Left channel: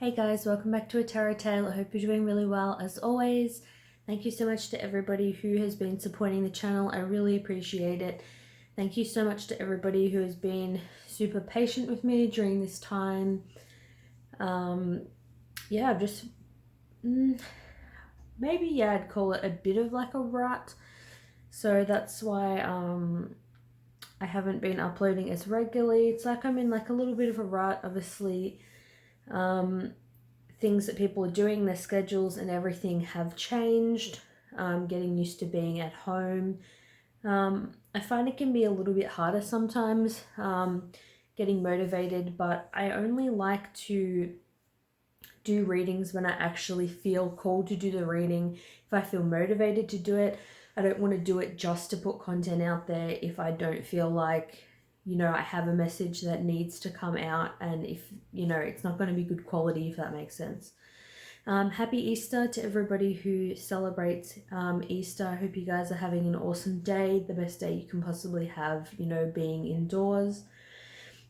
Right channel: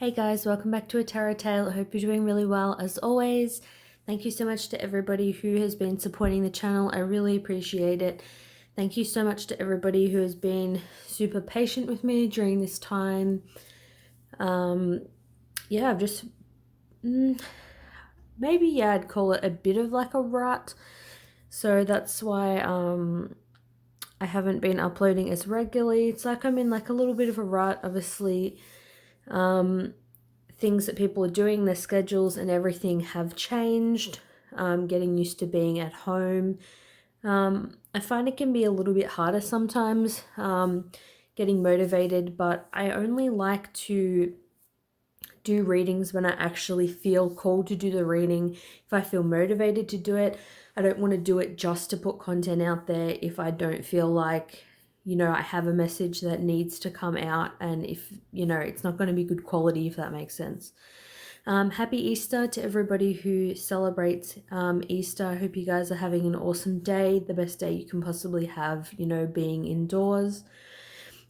Hey guys, welcome back to A Tarot Tale. I hope you're doing really well as always. Thank you so much to everybody who has been supporting the channel. I really appreciate it. Thank you so much to everybody who has been super patient with me during this time. Yeah, I've just maybe I'd call it a bit of like a rut. So that's why I haven't been uploading as regularly. It's like I'm in like a little bit of a rut, obviously. Things that people are doing, their schedules and everything have changed. Getting used to being at home. I find it can be a little bit harder sometimes getting motivated, but I only like to do readings when I actually feel called to do the reading. If I feel motivated to do it, I don't want to do it just to put content out there if I don't feel like, I have a message that needs to come out, and if, it's not going to be good quality, if that makes sense. Happy Easter to everybody who celebrates Easter. I hope you guys are having an awesome day, the best day you can possibly have, being indoors.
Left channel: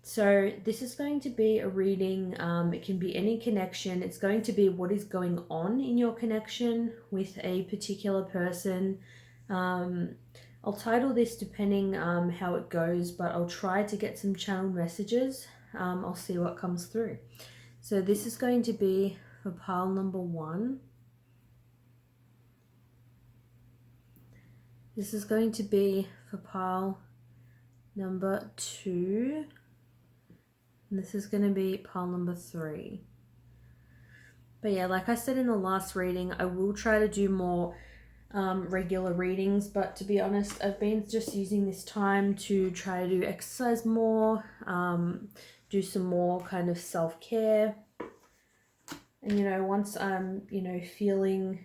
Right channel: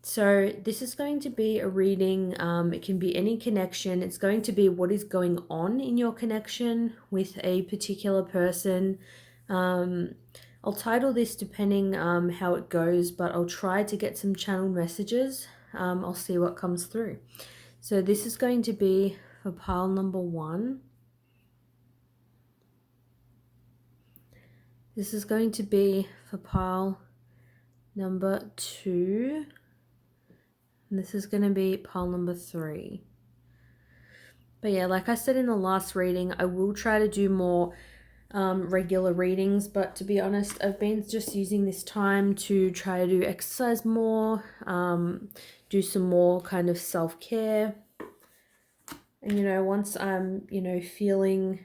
So this is going to be a reading. It can be any connection. It's going to be what is going on in your connection with a particular person. I'll title this depending how it goes, but I'll try to get some channel messages. I'll see what comes through. So this is going to be for pile number 1. This is going to be for pile number 2. And this is going to be pile number 3. But yeah, like I said in the last reading, I will try to do more regular readings. But to be honest, I've been just using this time to try to exercise more, do some more kind of self-care. And once I'm, feeling,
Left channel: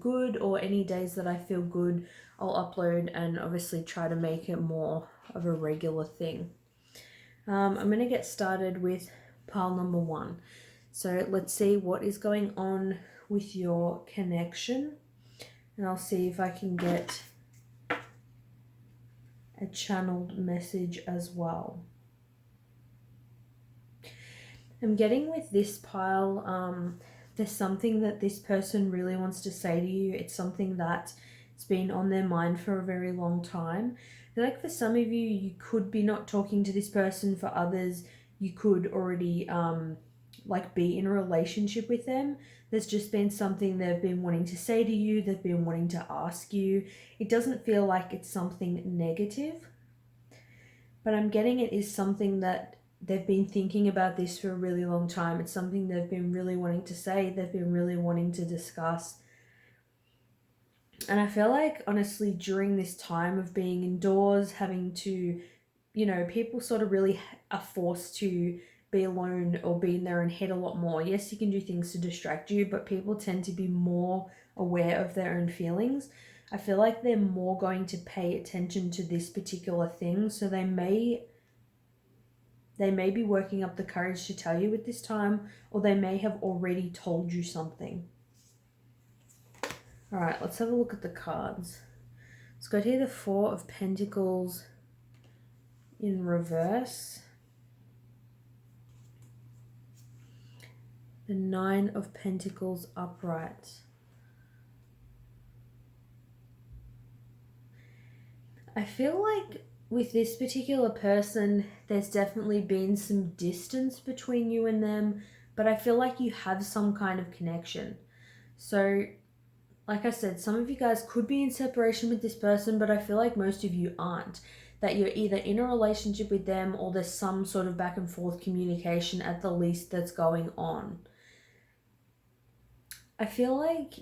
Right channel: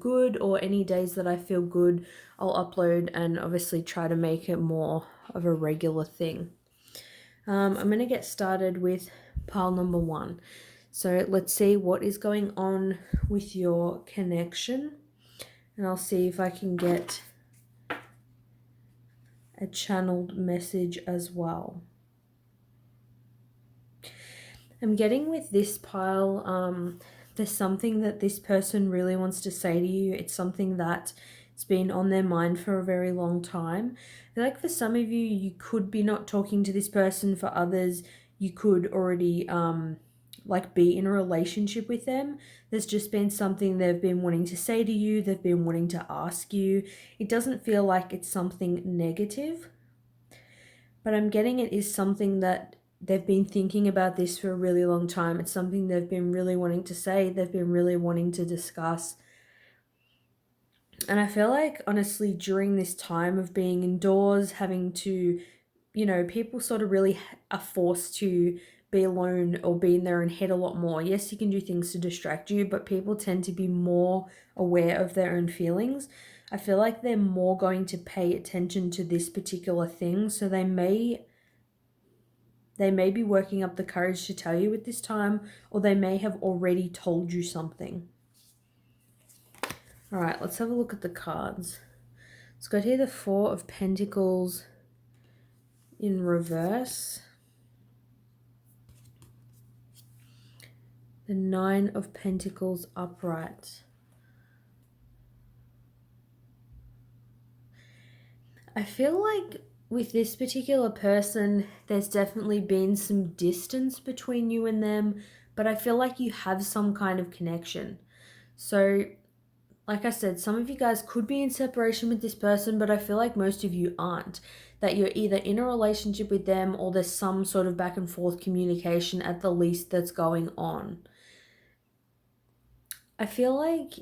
good, or any days that I feel good, I'll upload and obviously try to make it more of a regular thing. I'm going to get started with pile number 1. So let's see what is going on with your connection. And I'll see if I can get a channeled message as well. I'm getting with this pile, there's something that this person really wants to say to you. It's something that's been on their mind for a very long time. I feel like for some of you, you could be not talking to this person. For others, you could already be in a relationship with them. There's just been something they've been wanting to say to you. They've been wanting to ask you. It doesn't feel like it's something negative, but I'm getting it is something that they've been thinking about this for a really long time. It's something they've been really wanting to say. They've been really wanting to discuss. And I feel like, honestly, during this time of being indoors, having to, people sort of really are forced to be alone or be in their own head a lot more. Yes, you can do things to distract you, but people tend to be more aware of their own feelings. I feel like they're more going to pay attention to this particular thing. So they may be working up the courage to tell you at this time, or they may have already told you something. All right, let's have a look at the cards. Let's go here, the 4 of Pentacles in reverse, the 9 of Pentacles upright. I feel like with this particular person, there's definitely been some distance between you and them, but I feel like you have some kind of connection. So, like I said, some of you guys could be in separation with this person, but I feel like most of you aren't. That you're either in a relationship with them, or there's some sort of back and forth communication at the least that's going on. I feel like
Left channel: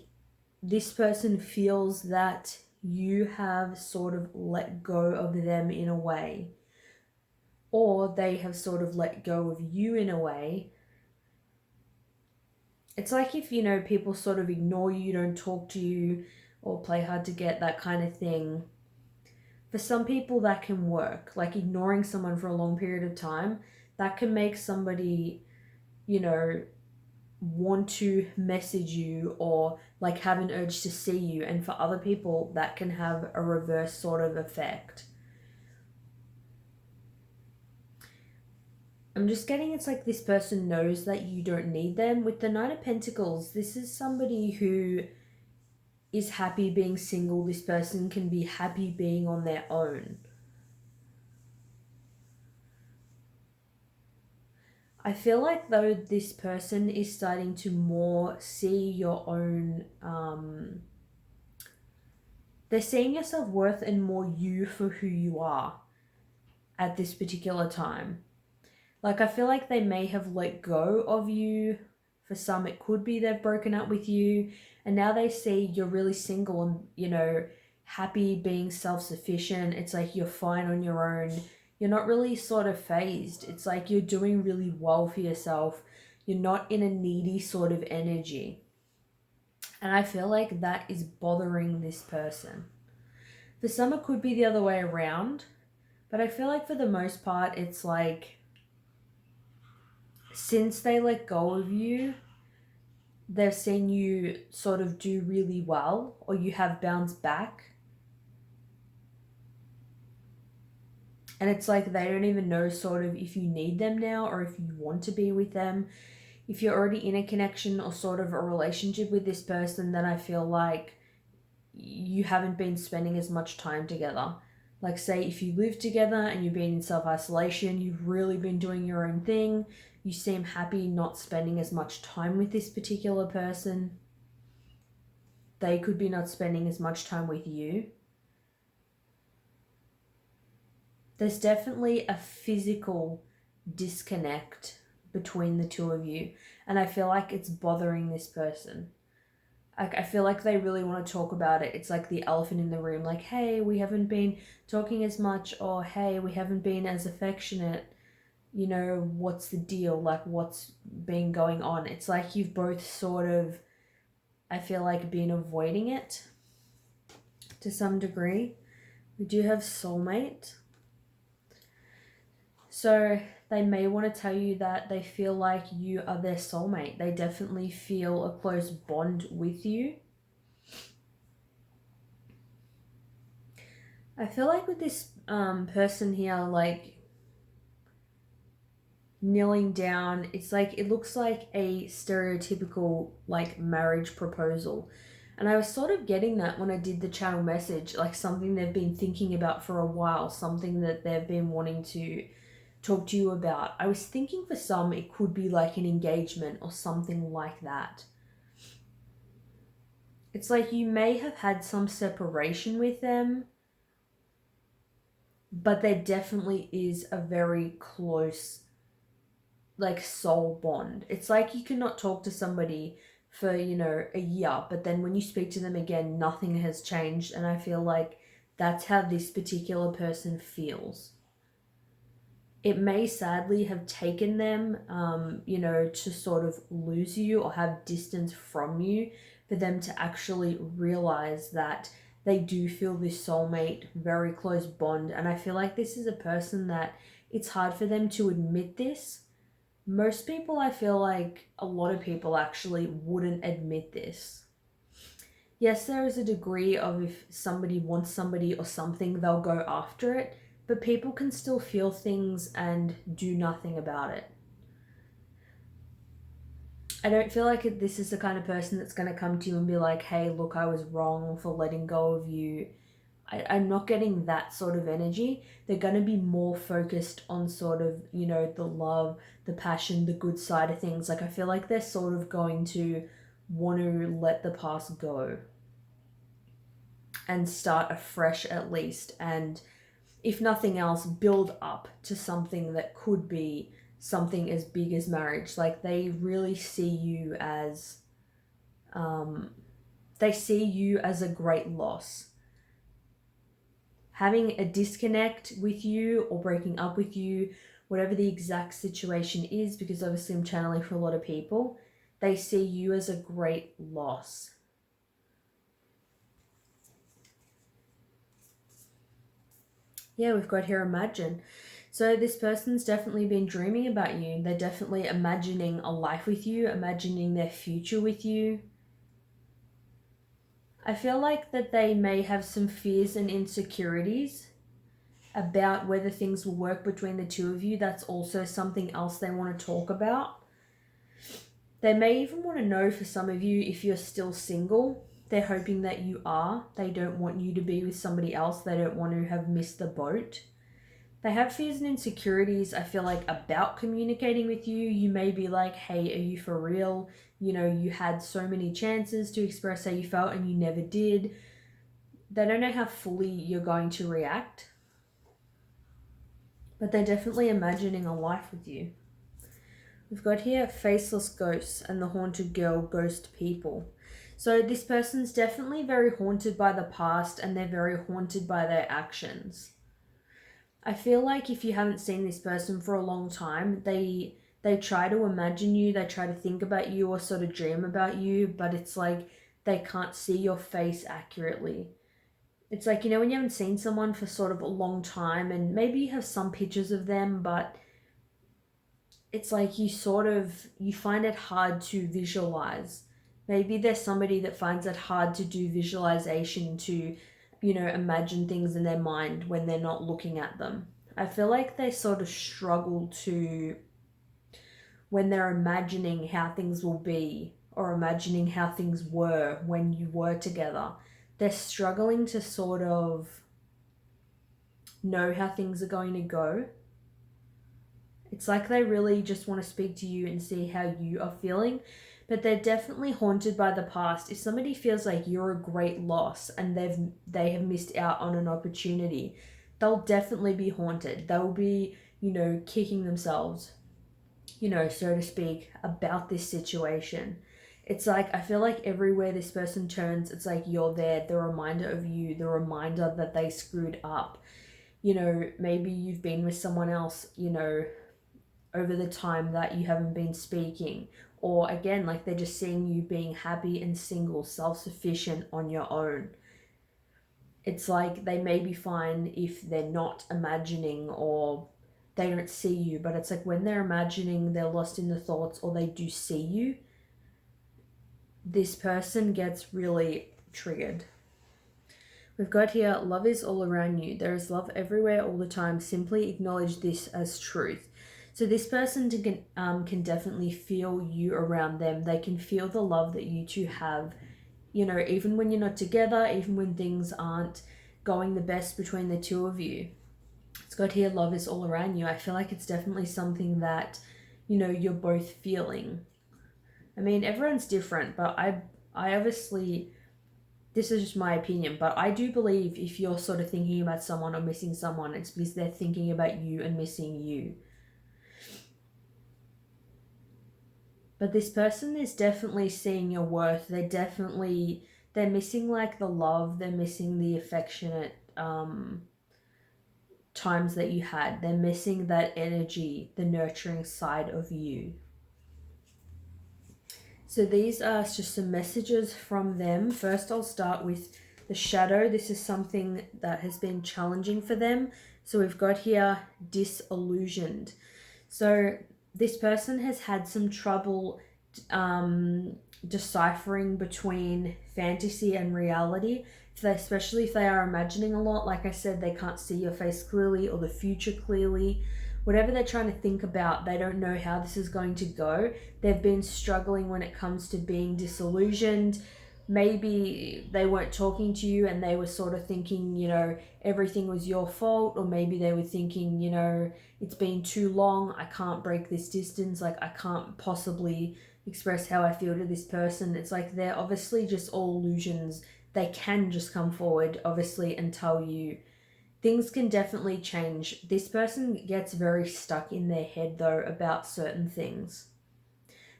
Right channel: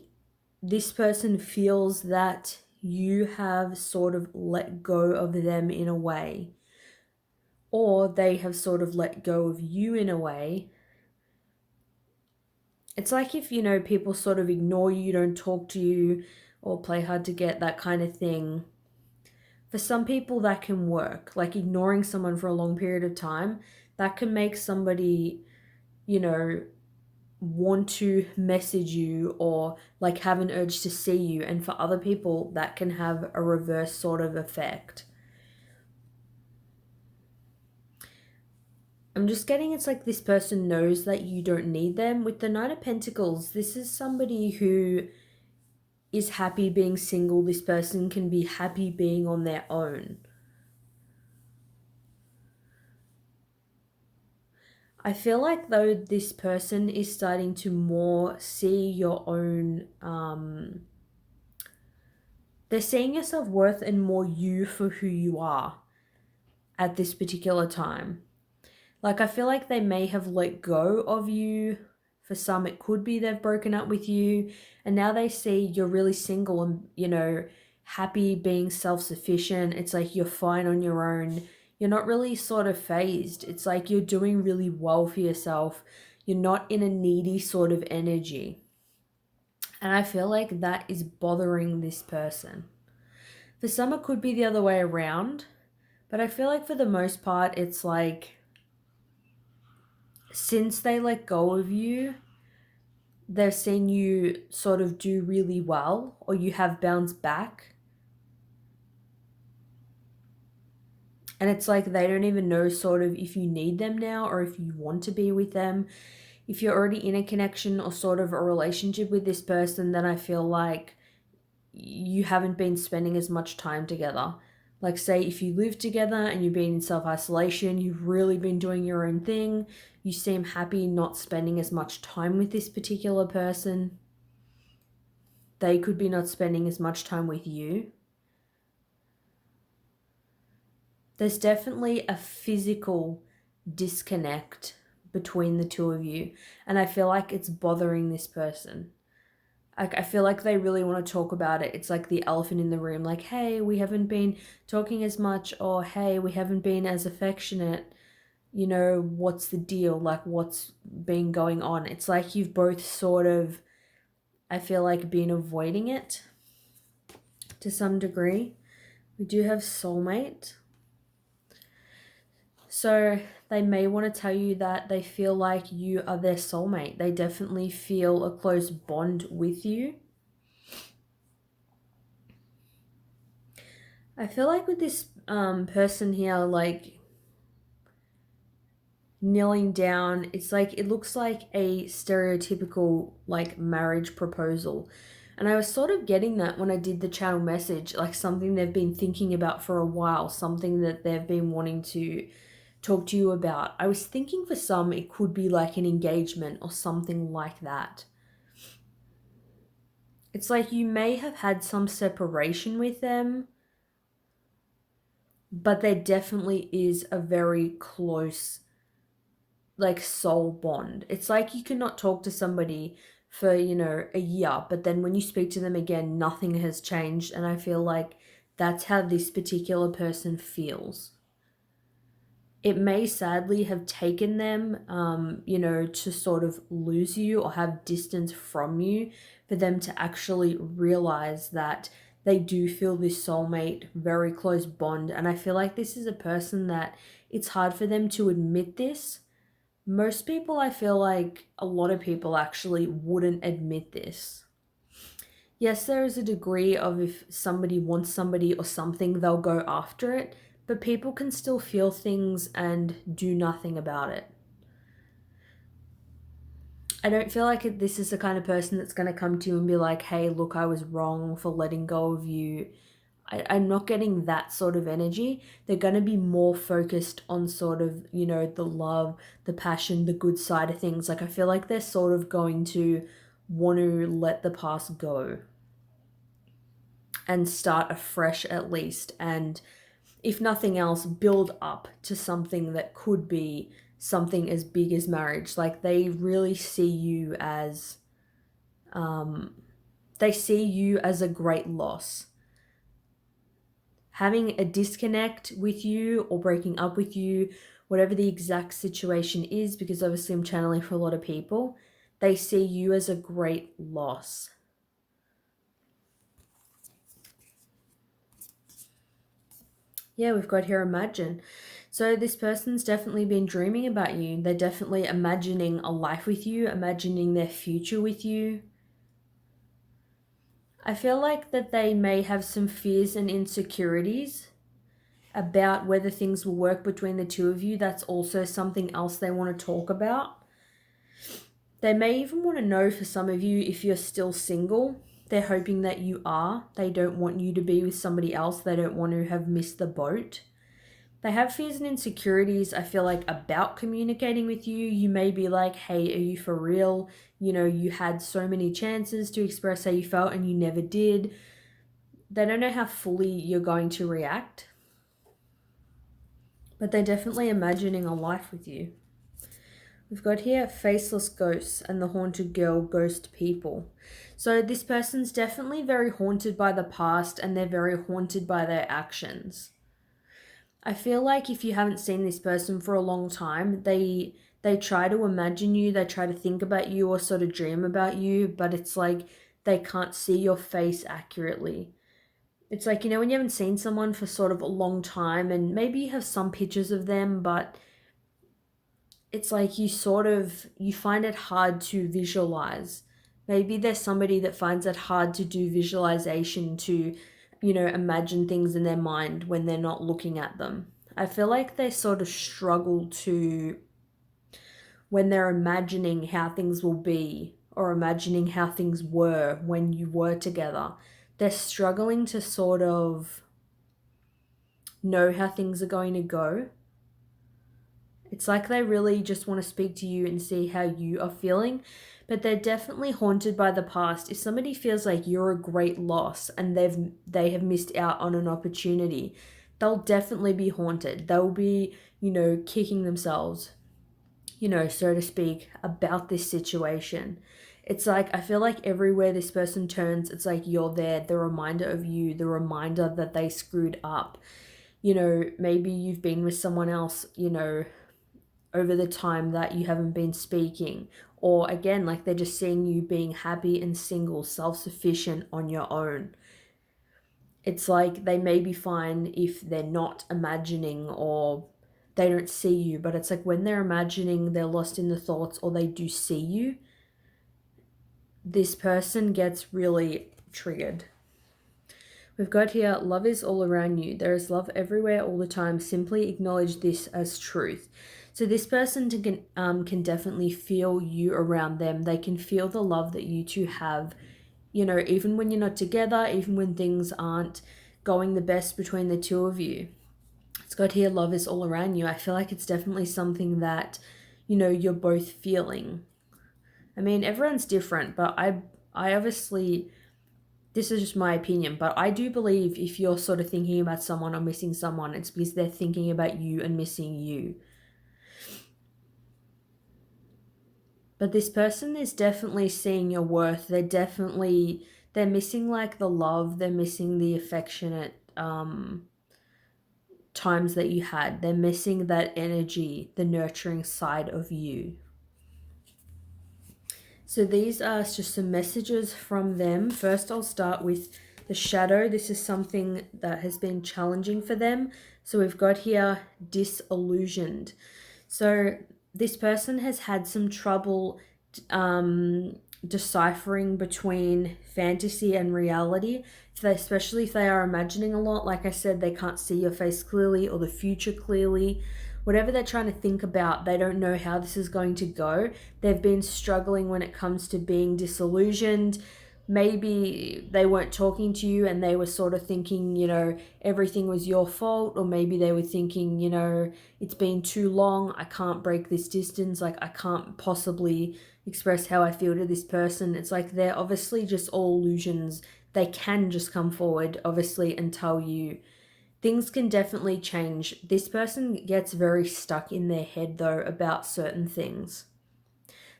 this person feels that you have sort of let go of them in a way, or they have sort of let go of you in a way. It's like if, people sort of ignore you, don't talk to you, or play hard to get, that kind of thing. For some people that can work, like ignoring someone for a long period of time, that can make somebody, want to message you or like have an urge to see you. And for other people, that can have a reverse sort of effect. I'm just getting it's like this person knows that you don't need them. With the Knight of Pentacles, this is somebody who is happy being single. This person can be happy being on their own. I feel like though this person is starting to more see your own, they're seeing your self-worth and more you for who you are at this particular time. Like, I feel like they may have let go of you. For some, it could be they've broken up with you, and now they see you're really single and, you know, happy being self-sufficient. It's like you're fine on your own. You're not really sort of phased. It's like you're doing really well for yourself. You're not in a needy sort of energy. And I feel like that is bothering this person. For some, it could be the other way around, but I feel like for the most part, it's like since they let go of you, they've seen you sort of do really well, or you have bounced back. And it's like they don't even know sort of if you need them now or if you want to be with them. If you're already in a connection or sort of a relationship with this person, then I feel like you haven't been spending as much time together. Like, say if you live together and you've been in self-isolation, you've really been doing your own thing, you seem happy not spending as much time with this particular person. They could be not spending as much time with you. There's definitely a physical disconnect between the two of you, and I feel like it's bothering this person. Like, I feel like they really want to talk about it. It's like the elephant in the room, like, hey, we haven't been talking as much, or hey, we haven't been as affectionate. You know, what's the deal? Like, what's been going on? It's like you've both sort of, I feel like, been avoiding it to some degree. We do have soulmate. So they may want to tell you that they feel like you are their soulmate. They definitely feel a close bond with you. I feel like with this person here, like kneeling down, it's like it looks like a stereotypical like marriage proposal. And I was sort of getting that when I did the channel message, like something they've been thinking about for a while, something that they've been wanting to talk to you about. I was thinking for some it could be like an engagement or something like that. It's like you may have had some separation with them, but there definitely is a very close like soul bond. It's like you cannot talk to somebody for, you know, a year, but then when you speak to them again, nothing has changed. And I feel like that's how this particular person feels. It may sadly have taken them, you know, to sort of lose you or have distance from you for them to actually realize that they do feel this soulmate, very close bond. And I feel like this is a person that it's hard for them to admit this. Most people, I feel like a lot of people actually wouldn't admit this. Yes, there is a degree of if somebody wants somebody or something, they'll go after it, but people can still feel things and do nothing about it. I don't feel like this is the kind of person that's going to come to you and be like, hey, look, I was wrong for letting go of you. I'm not getting that sort of energy. They're going to be more focused on sort of, you know, the love, the passion, the good side of things. Like, I feel like they're sort of going to want to let the past go and start afresh at least. And if nothing else, build up to something that could be something as big as marriage. Like, they really see you as, they see you as a great loss. Having a disconnect with you or breaking up with you, whatever the exact situation is, because obviously I'm channeling for a lot of people, they see you as a great loss. Yeah, we've got here imagine. So this person's definitely been dreaming about you. They're definitely imagining a life with you, imagining their future with you. I feel like that they may have some fears and insecurities about whether things will work between the two of you. That's also something else they want to talk about. They may even want to know, for some of you, if you're still single. They're hoping that you are. They don't want you to be with somebody else. They don't want to have missed the boat. They have fears and insecurities, I feel like, about communicating with you. You may be like, hey, are you for real? You know, you had so many chances to express how you felt and you never did. They don't know how fully you're going to react. But they're definitely imagining a life with you. We've got here faceless ghosts and the haunted girl, ghost people. So this person's definitely very haunted by the past, and they're very haunted by their actions. I feel like if you haven't seen this person for a long time, they try to imagine you, they try to think about you or sort of dream about you, but it's like they can't see your face accurately. It's like, you know, when you haven't seen someone for sort of a long time and maybe you have some pictures of them, but it's like you find it hard to visualize. Maybe there's somebody that finds it hard to do visualization, to, you know, imagine things in their mind when they're not looking at them. I feel like they sort of struggle to, when they're imagining how things will be or imagining how things were when you were together, they're struggling to sort of know how things are going to go. It's like they really just want to speak to you and see how you are feeling, but they're definitely haunted by the past. If somebody feels like you're a great loss and they have missed out on an opportunity, they'll definitely be haunted. They'll be, you know, kicking themselves, you know, so to speak, about this situation. It's like, I feel like everywhere this person turns, it's like you're there, the reminder of you, the reminder that they screwed up. You know, maybe you've been with someone else, you know, over the time that you haven't been speaking. Or again, like they're just seeing you being happy and single, self-sufficient on your own. It's like they may be fine if they're not imagining or they don't see you, but it's like when they're imagining, they're lost in the thoughts or they do see you, this person gets really triggered. We've got here, love is all around you. There is love everywhere all the time. Simply acknowledge this as truth. So this person can definitely feel you around them. They can feel the love that you two have, you know, even when you're not together, even when things aren't going the best between the two of you. It's got here, love is all around you. I feel like it's definitely something that, you know, you're both feeling. I mean, everyone's different, but I obviously, this is just my opinion, but I do believe if you're sort of thinking about someone or missing someone, it's because they're thinking about you and missing you. But this person is definitely seeing your worth. They're missing like the love, they're missing the affectionate times that you had. They're missing that energy, the nurturing side of you. So these are just some messages from them. First, I'll start with the shadow. This is something that has been challenging for them. So we've got here disillusioned. So this person has had some trouble deciphering between fantasy and reality. Especially if they are imagining a lot, like I said, they can't see your face clearly or the future clearly. Whatever they're trying to think about, they don't know how this is going to go. They've been struggling when it comes to being disillusioned. Maybe they weren't talking to you and they were sort of thinking, you know, everything was your fault. Or maybe they were thinking, you know, it's been too long. I can't break this distance. Like, I can't possibly express how I feel to this person. It's like they're obviously just all illusions. They can just come forward, obviously, and tell you. Things can definitely change. This person gets very stuck in their head, though, about certain things.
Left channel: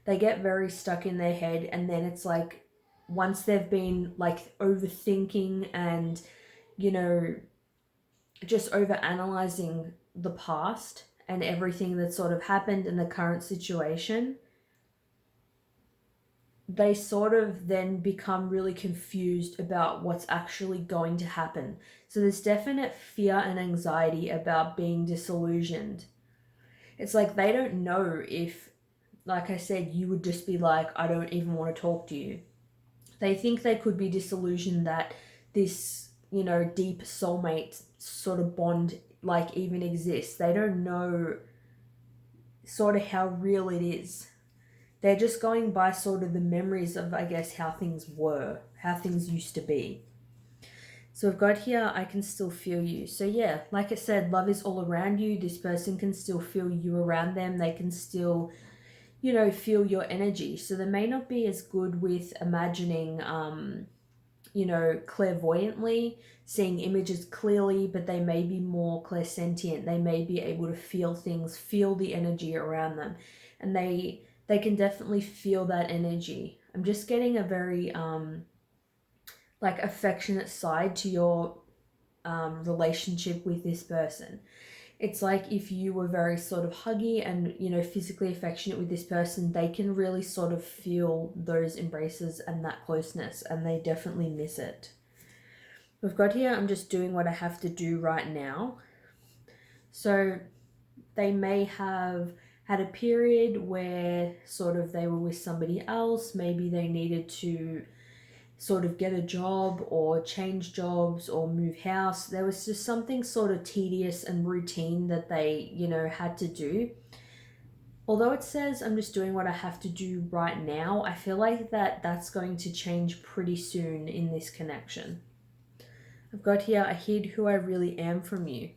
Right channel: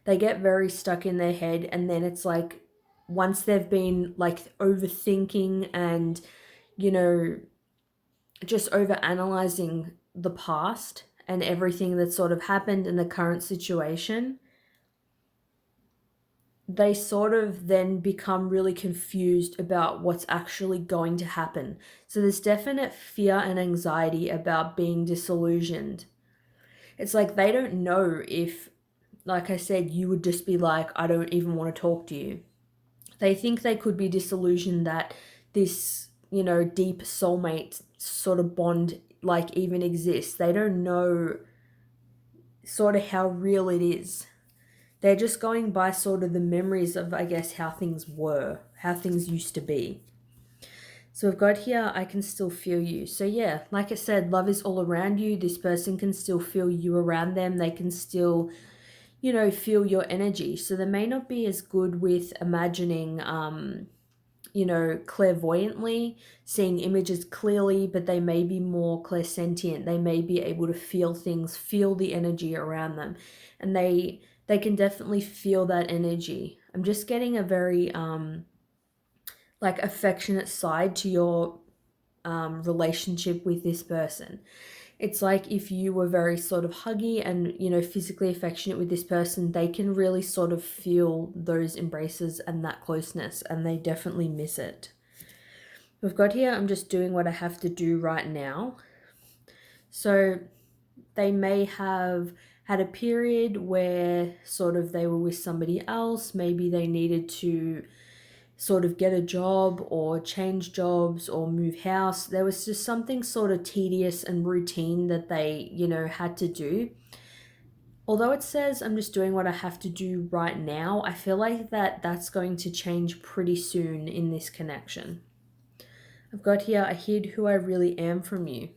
They get very stuck in their head, and then it's like, once they've been, like, overthinking and, you know, just over-analyzing the past and everything that sort of happened in the current situation, they sort of then become really confused about what's actually going to happen. So there's definite fear and anxiety about being disillusioned. It's like they don't know if, like I said, you would just be like, I don't even want to talk to you. They think they could be disillusioned that this, you know, deep soulmate sort of bond like even exists. They don't know sort of how real it is. They're just going by sort of the memories of, I guess, how things were, how things used to be. So we've got here, I can still feel you. So yeah, like I said, love is all around you. This person can still feel you around them. They can still, you know, feel your energy. So they may not be as good with imagining, you know, clairvoyantly, seeing images clearly, but they may be more clairsentient. They may be able to feel things, feel the energy around them. And they can definitely feel that energy. I'm just getting a very like affectionate side to your relationship with this person. It's like if you were very sort of huggy and, you know, physically affectionate with this person, they can really sort of feel those embraces and that closeness, and they definitely miss it. We've got here, I'm just doing what I have to do right now. So they may have had a period where sort of they were with somebody else. Maybe they needed to sort of get a job or change jobs or move house. There was just something sort of tedious and routine that they, you know, had to do. Although it says I'm just doing what I have to do right now, I feel like that's going to change pretty soon in this connection. I've got here, I hid who I really am from you.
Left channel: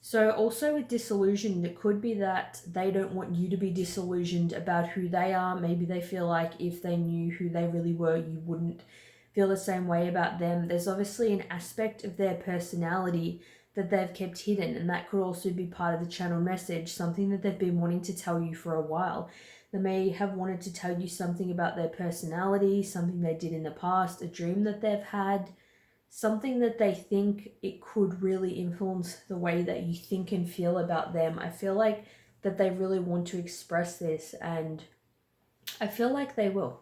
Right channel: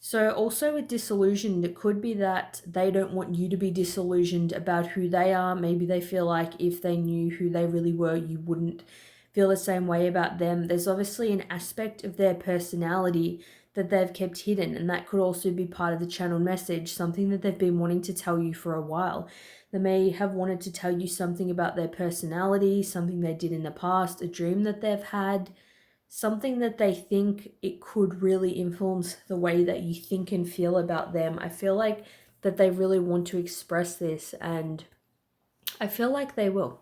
So also with disillusioned, it could be that they don't want you to be disillusioned about who they are. Maybe they feel like if they knew who they really were, you wouldn't feel the same way about them. There's obviously an aspect of their personality that they've kept hidden, and that could also be part of the channel message, something that they've been wanting to tell you for a while. They may have wanted to tell you something about their personality, something they did in the past, a dream that they've had, something that they think it could really influence the way that you think and feel about them. I feel like that they really want to express this, and I feel like they will.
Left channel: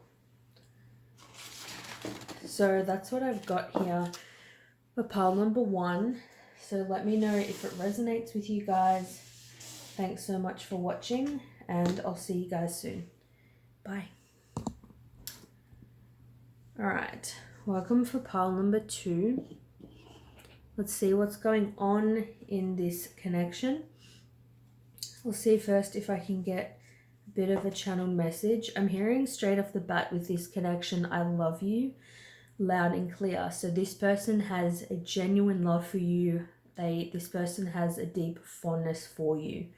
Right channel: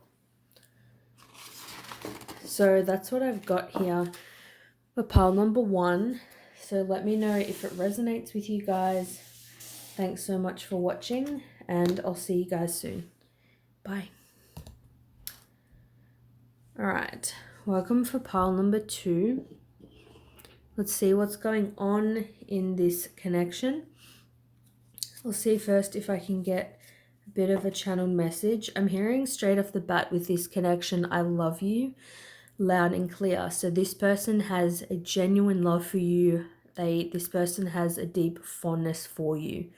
So that's what I've got here for pile number 1. So let me know if it resonates with you guys. Thanks so much for watching, and I'll see you guys soon. Bye. All right. Welcome for pile number 2. Let's see what's going on in this connection. I'll see first if I can get a bit of a channel message. I'm hearing straight off the bat with this connection, I love you, loud and clear. So this person has a genuine love for you. This person has a deep fondness for you.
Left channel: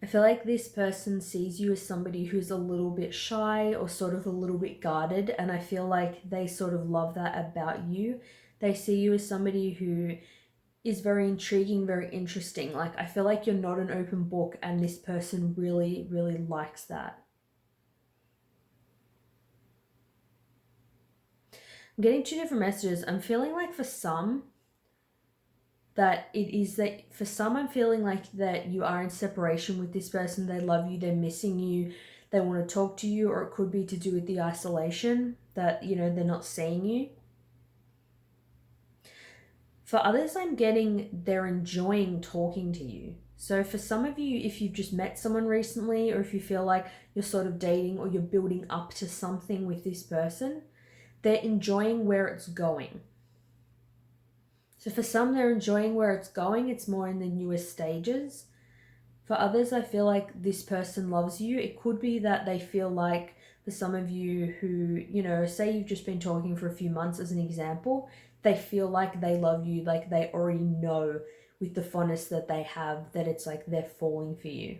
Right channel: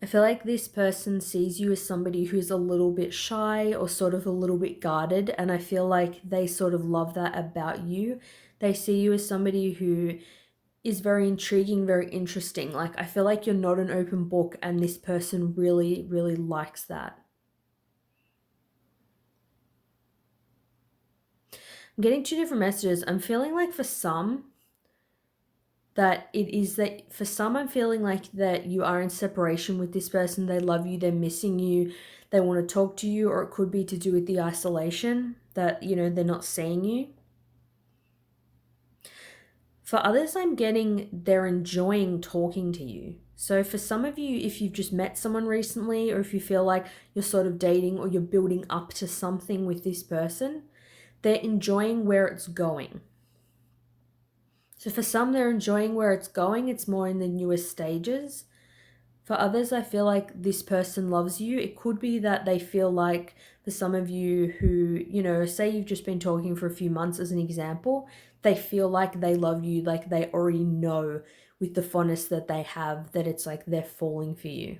I feel like this person sees you as somebody who's a little bit shy or sort of a little bit guarded, and I feel like they sort of love that about you. They see you as somebody who is very intriguing, very interesting. Like, I feel like you're not an open book, and this person really, really likes that. I'm getting 2 different messages. I'm feeling like for some, that it is that for some, I'm feeling like that you are in separation with this person. They love you, they're missing you, they want to talk to you, or it could be to do with the isolation that, you know, they're not seeing you. For others, I'm getting they're enjoying talking to you. So for some of you, if you've just met someone recently, or if you feel like you're sort of dating or you're building up to something with this person, they're enjoying where it's going. So for some, they're enjoying where it's going. It's more in the newest stages. For others, I feel like this person loves you. It could be that they feel like, for some of you who, you know, say you've just been talking for a few months as an example, they feel like they love you, like they already know with the fondness that they have that it's like they're falling for you.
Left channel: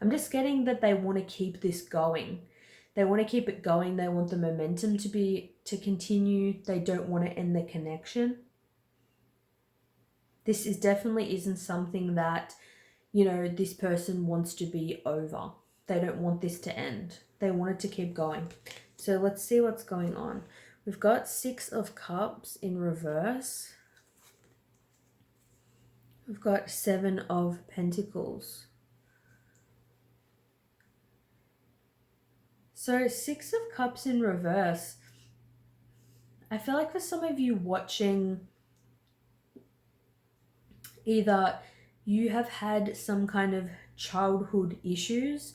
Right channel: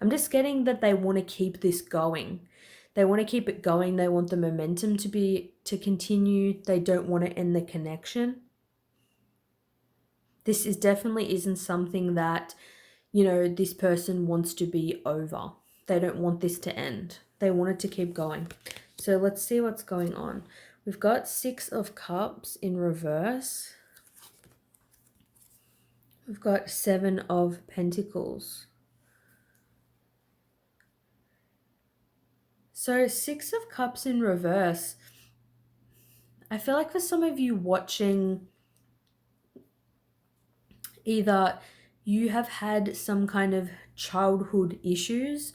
I'm just getting that they want to keep this going. They want to keep it going. They want the momentum to continue. They don't want to end the connection. This definitely isn't something that, you know, this person wants to be over. They don't want this to end. They want it to keep going. So let's see what's going on. We've got 6 of Cups in reverse. We've got 7 of Pentacles. So 6 of Cups in reverse. I feel like for some of you watching, either you have had some kind of childhood issues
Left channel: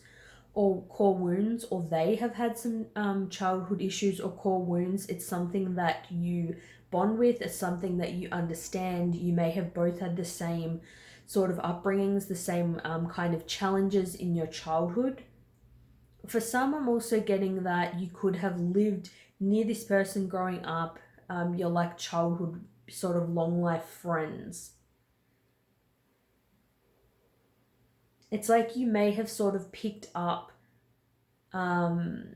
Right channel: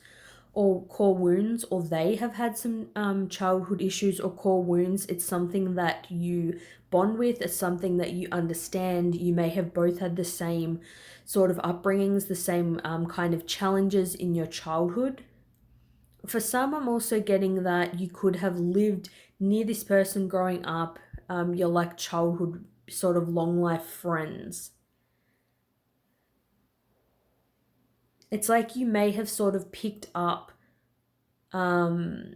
or core wounds, or they have had some childhood issues or core wounds. It's something that you bond with, as something that you understand. You may have both had the same sort of upbringings, the same kind of challenges in your childhood. For some, I'm also getting that you could have lived near this person growing up. You're like childhood sort of long life friends. It's like you may have sort of picked up, you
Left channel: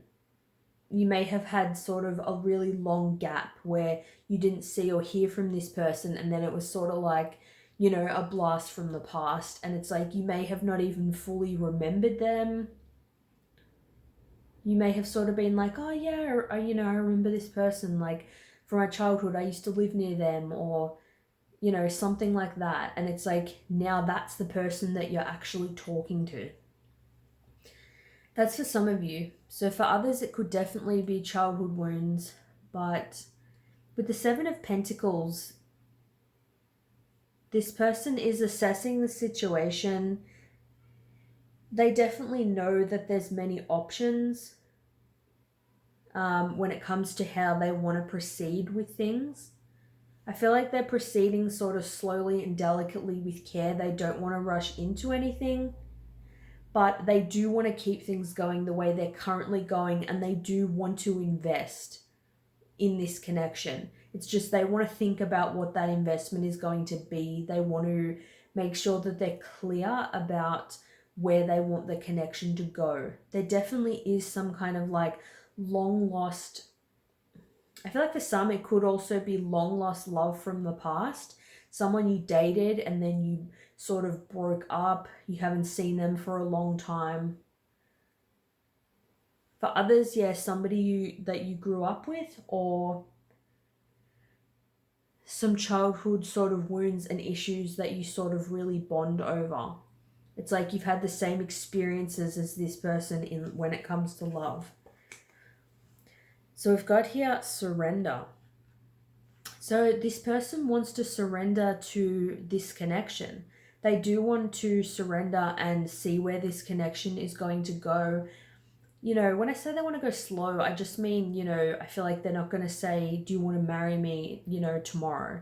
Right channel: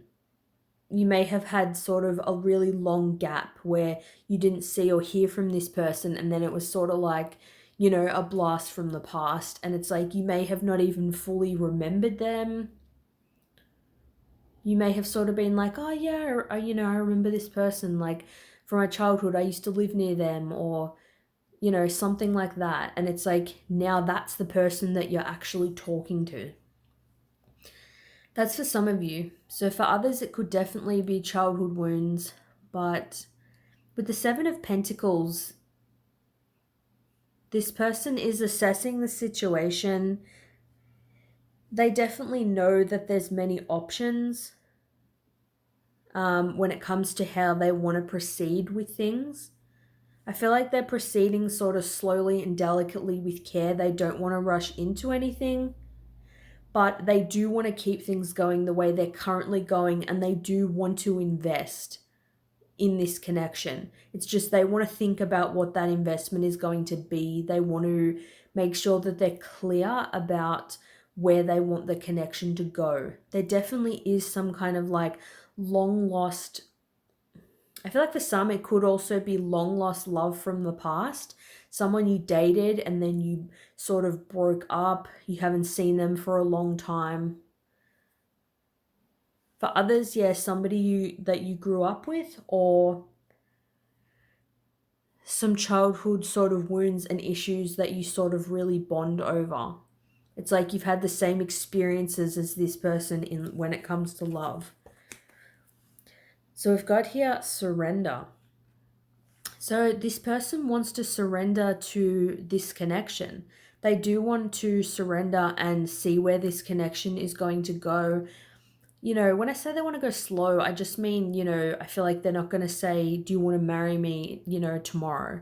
may have had sort of a really long gap where you didn't see or hear from this person, and then it was sort of like, a blast from the past. And it's like you may have not even fully remembered them. You may have sort of been like, oh yeah, I remember this person, like from my childhood, I used to live near them, or something like that. And it's like now that's the person that you're actually talking to. That's for some of you. So for others, it could definitely be childhood wounds. But with the Seven of Pentacles, this person is assessing the situation. They definitely know that there's many options when it comes to how they want to proceed with things. I feel like they're proceeding sort of slowly and delicately with care. They don't want to rush into anything, but they do want to keep things going the way they're currently going, and they do want to invest in this connection. It's just they want to think about what that investment is going to be. They want to make sure that they're clear about where they want the connection to go. There definitely is some kind of like long lost, I feel like for some it could also be long lost love from the past. Someone you dated and then you sort of broke up. You haven't seen them for a long time. For others, yeah, somebody that you grew up with, or some childhood sort of wounds and issues that you sort of really bond over. It's like you've had the same experiences as this person in when it comes to love. So we've got here surrender. So this person wants to surrender to this connection. They do want to surrender and see where this connection is going to go. When I say they want to go slow, I just mean, I feel like they're not going to say, do you want to marry me, tomorrow?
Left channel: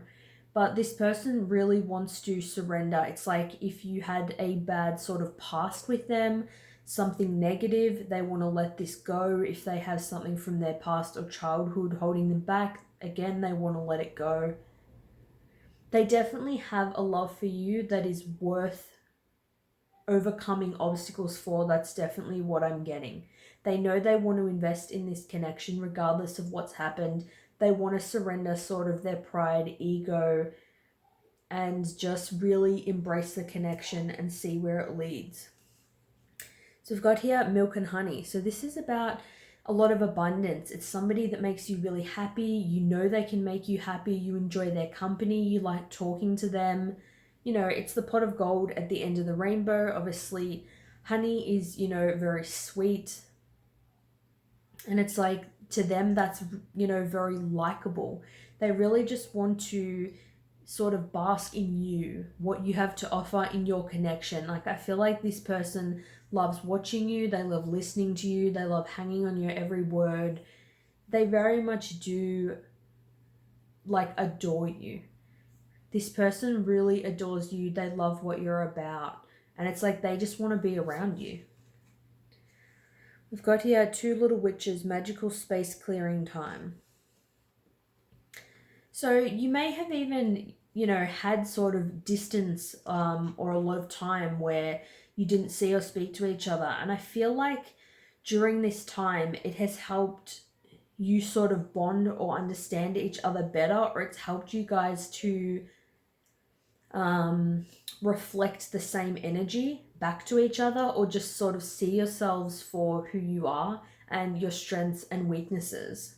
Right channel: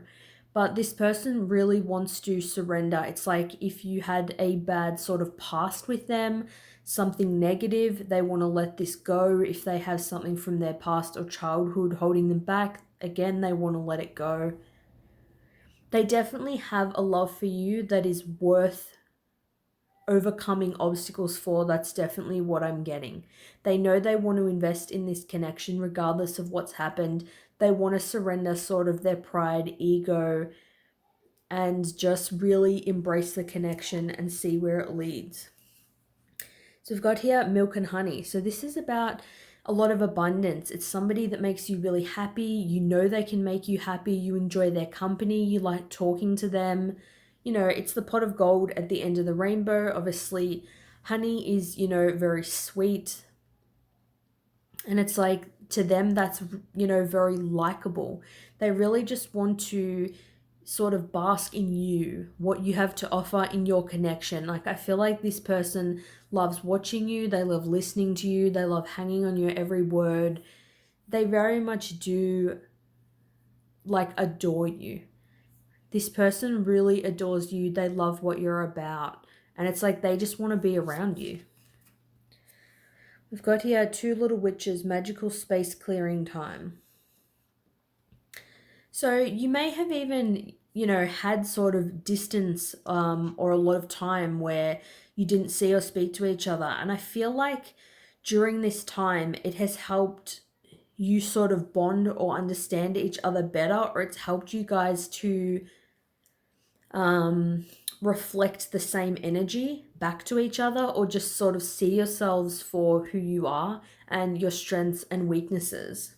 But this person really wants to surrender. It's like if you had a bad sort of past with them, something negative, they want to let this go. If they have something from their past or childhood holding them back, again, they want to let it go. They definitely have a love for you that is worth overcoming obstacles for. That's definitely what I'm getting. They know they want to invest in this connection regardless of what's happened. They want to surrender sort of their pride, ego, and just really embrace the connection and see where it leads. So we've got here milk and honey. So this is about a lot of abundance. It's somebody that makes you really happy. You know they can make you happy. You enjoy their company. You like talking to them. It's the pot of gold at the end of the rainbow. Obviously, honey is, very sweet. And it's like, to them, that's, very likable. They really just want to sort of bask in you, what you have to offer in your connection. Like, I feel like this person loves watching you. They love listening to you. They love hanging on your every word. They very much do, like, adore you. This person really adores you. They love what you're about. And it's like they just want to be around you. We've got here two little witches, magical space clearing time. So you may have even, had sort of distance or a lot of time where you didn't see or speak to each other. And I feel like during this time, it has helped you sort of bond or understand each other better, or it's helped you guys to reflect the same energy back to each other, or just sort of see yourselves for who you are and your strengths and weaknesses.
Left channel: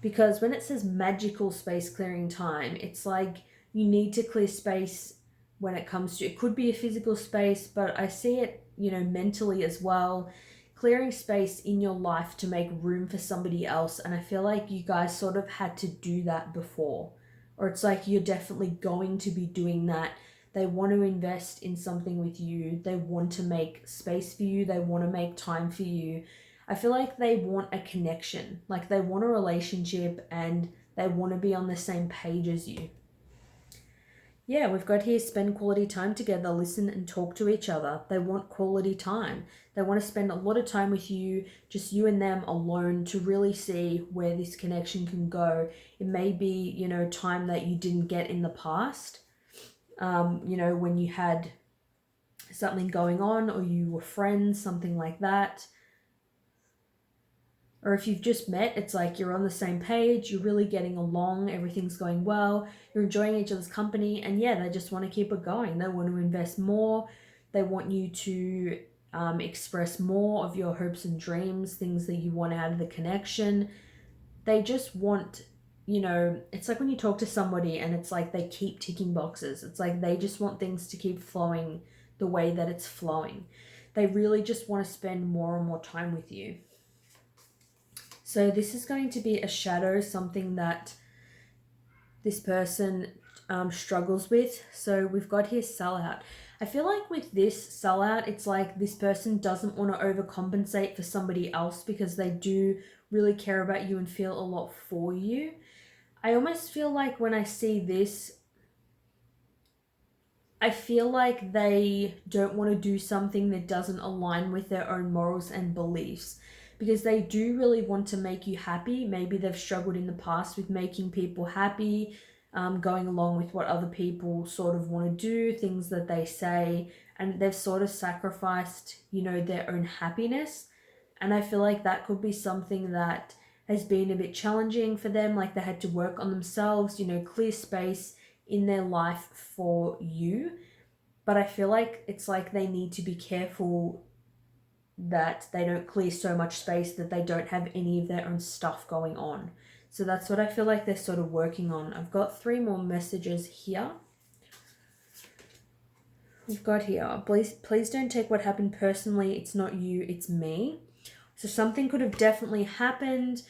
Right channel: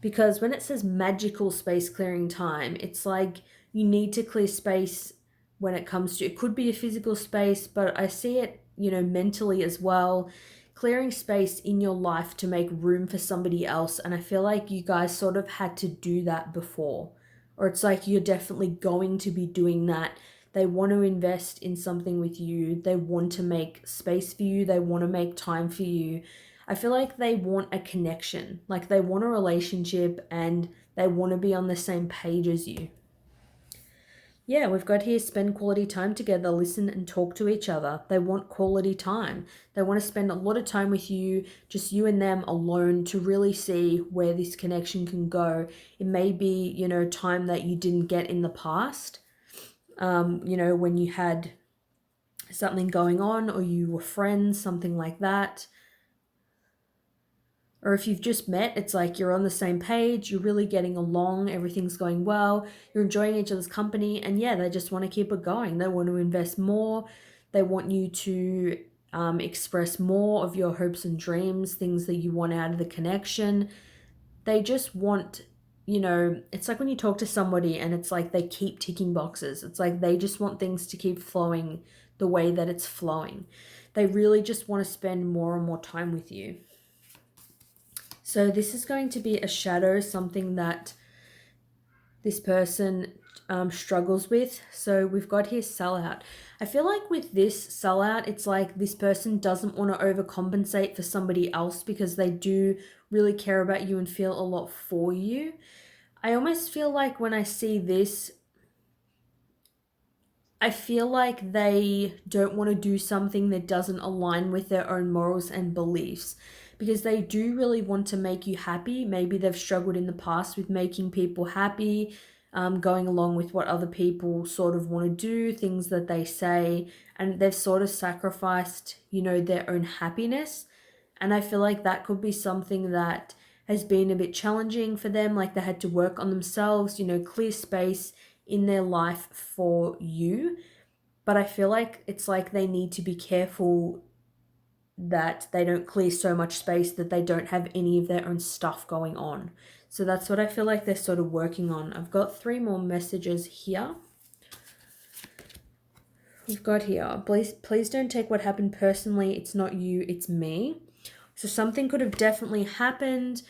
Because when it says magical space clearing time, it's like you need to clear space when it comes to, it could be a physical space, but I see it, mentally as well, clearing space in your life to make room for somebody else. And I feel like you guys sort of had to do that before, or it's like you're definitely going to be doing that. They want to invest in something with you. They want to make space for you. They want to make time for you. I feel like they want a connection, like they want a relationship, and They want to be on the same page as you. Yeah, we've got here spend quality time together, listen and talk to each other. They want quality time. They want to spend a lot of time with you, just you and them alone, to really see where this connection can go. It may be, time that you didn't get in the past, when you had something going on or you were friends, something like that. Or if you've just met, it's like you're on the same page, you're really getting along, everything's going well, you're enjoying each other's company, and yeah, they just want to keep it going. They want to invest more. They want you to express more of your hopes and dreams, things that you want out of the connection. They just want, it's like when you talk to somebody and it's like they keep ticking boxes. It's like they just want things to keep flowing the way that it's flowing. They really just want to spend more and more time with you. So this is going to be a shadow, something that this person struggles with. So we've got here sellout. I feel like with this sellout, it's like this person doesn't want to overcompensate for somebody else because they do really care about you and feel a lot for you. I almost feel like when I see this, I feel like they don't want to do something that doesn't align with their own morals and beliefs, because they do really want to make you happy. Maybe they've struggled in the past with making people happy, going along with what other people sort of want to do, things that they say, and they've sort of sacrificed, their own happiness. And I feel like that could be something that has been a bit challenging for them, like they had to work on themselves, clear space in their life for you. But I feel like it's like they need to be careful that they don't clear so much space that they don't have any of their own stuff going on. So that's what I feel like they're sort of working on. I've got 3 more messages here. We've got here, please don't take what happened personally. It's not you, it's me. So something could have definitely happened.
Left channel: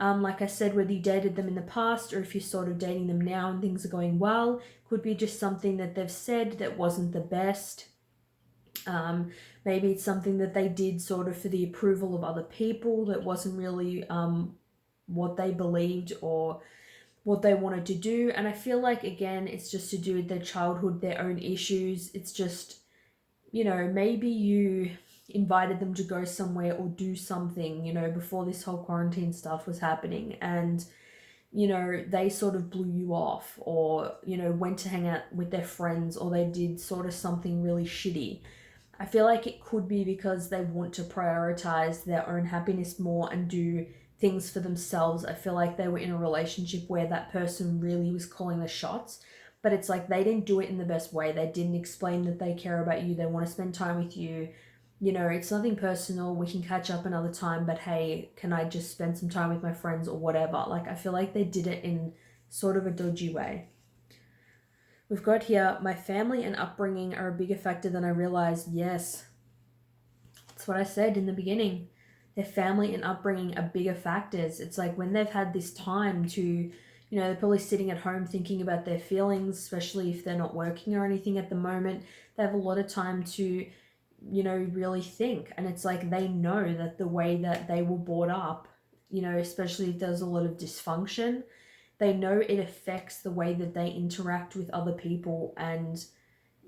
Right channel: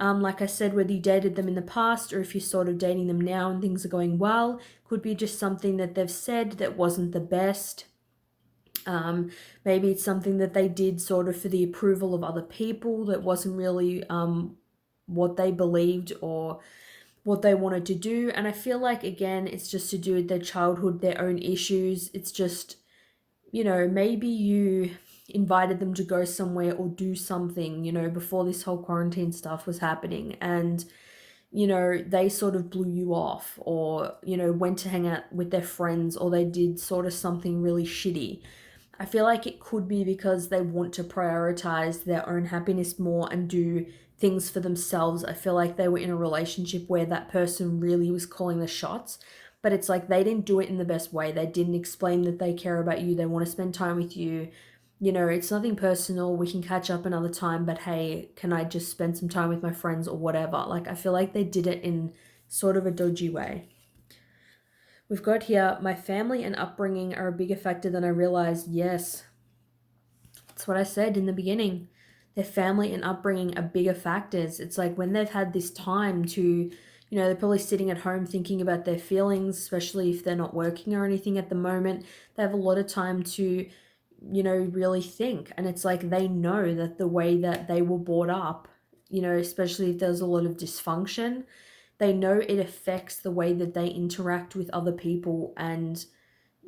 Like I said, whether you dated them in the past or if you're sort of dating them now and things are going well, could be just something that they've said that wasn't the best. Maybe it's something that they did sort of for the approval of other people that wasn't really what they believed or what they wanted to do. And I feel like, again, it's just to do with their childhood, their own issues. It's just, maybe you invited them to go somewhere or do something, before this whole quarantine stuff was happening. And, they sort of blew you off or, went to hang out with their friends, or they did sort of something really shitty. I feel like it could be because they want to prioritize their own happiness more and do things for themselves. I feel like they were in a relationship where that person really was calling the shots, but it's like they didn't do it in the best way. They didn't explain that they care about you. They want to spend time with you. It's nothing personal. We can catch up another time, but hey, can I just spend some time with my friends or whatever? Like, I feel like they did it in sort of a dodgy way. We've got here, my family and upbringing are a bigger factor than I realized. Yes, that's what I said in the beginning. Their family and upbringing are bigger factors. It's like when they've had this time to, they're probably sitting at home thinking about their feelings, especially if they're not working or anything at the moment. They have a lot of time to, really think. And it's like they know that the way that they were brought up, especially if there's a lot of dysfunction, they know it affects the way that they interact with other people and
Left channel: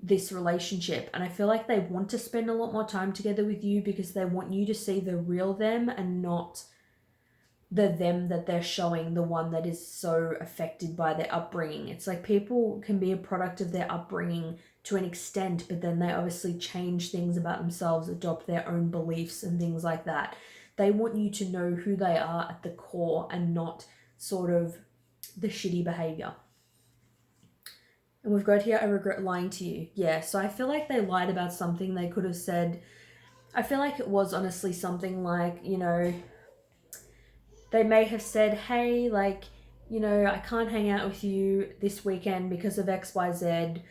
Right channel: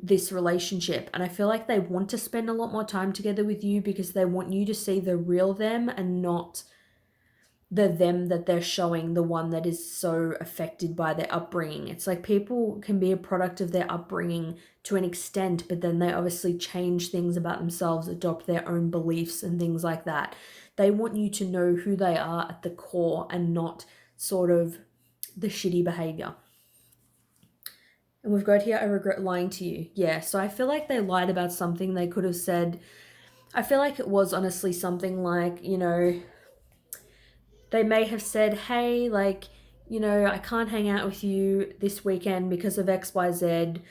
this relationship. And I feel like they want to spend a lot more time together with you because they want you to see the real them and not the them that they're showing, the one that is so affected by their upbringing. It's like people can be a product of their upbringing to an extent, but then they obviously change things about themselves, adopt their own beliefs and things like that. They want you to know who they are at the core and not sort of the shitty behavior. And we've got here, I regret lying to you. Yeah, so I feel like they lied about something. They could have said, I feel like it was honestly something like, they may have said, hey, like, I can't hang out with you this weekend because of XYZ.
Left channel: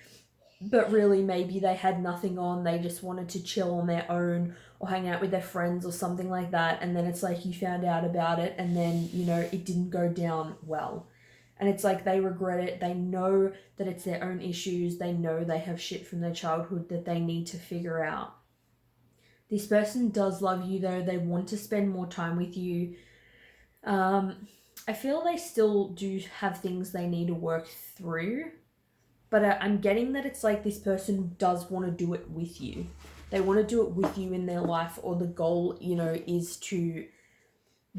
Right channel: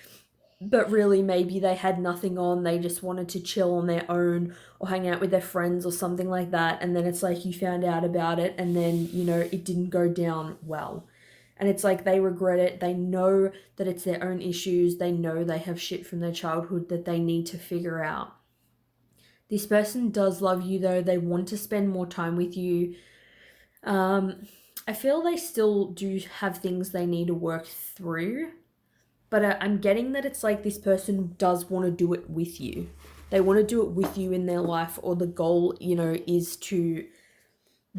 But really, maybe they had nothing on. They just wanted to chill on their own or hang out with their friends or something like that. And then it's like you found out about it and then, it didn't go down well. And it's like they regret it. They know that it's their own issues. They know they have shit from their childhood that they need to figure out. This person does love you though. They want to spend more time with you. I feel they still do have things they need to work through, but I'm getting that it's like this person does want to do it with you. They want to do it with you in their life, or the goal, is to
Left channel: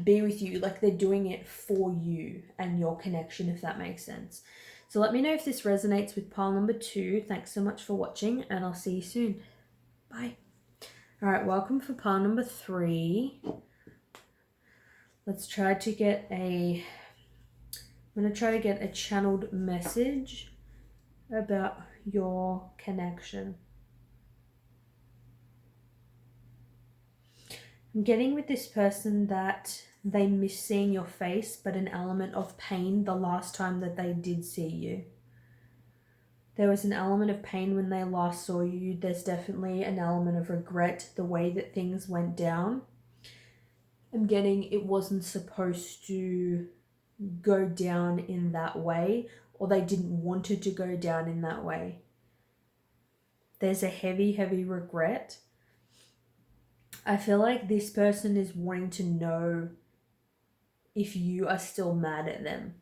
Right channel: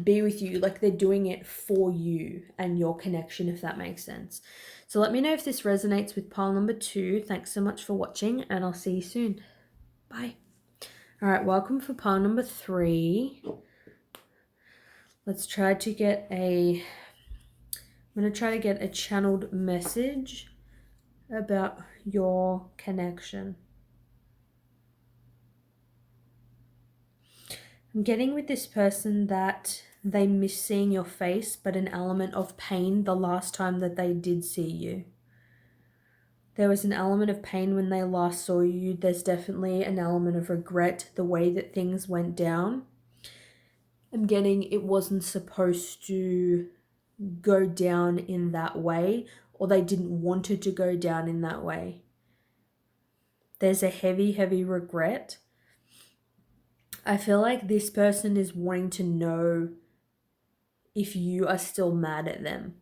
be with you. Like they're doing it for you and your connection, if that makes sense. So let me know if this resonates with pile number 2. Thanks so much for watching, and I'll see you soon. Bye. All right, welcome for pile number 3. Let's try to get I'm going to try to get a channeled message about your connection. I'm getting with this person that they miss seeing your face, but an element of pain the last time that they did see you. There was an element of pain when they last saw you. There's definitely an element of regret, the way that things went down. I'm getting it wasn't supposed to go down in that way, or they didn't want it to go down in that way. There's a heavy, heavy regret. I feel like this person is wanting to know if you are still mad at them.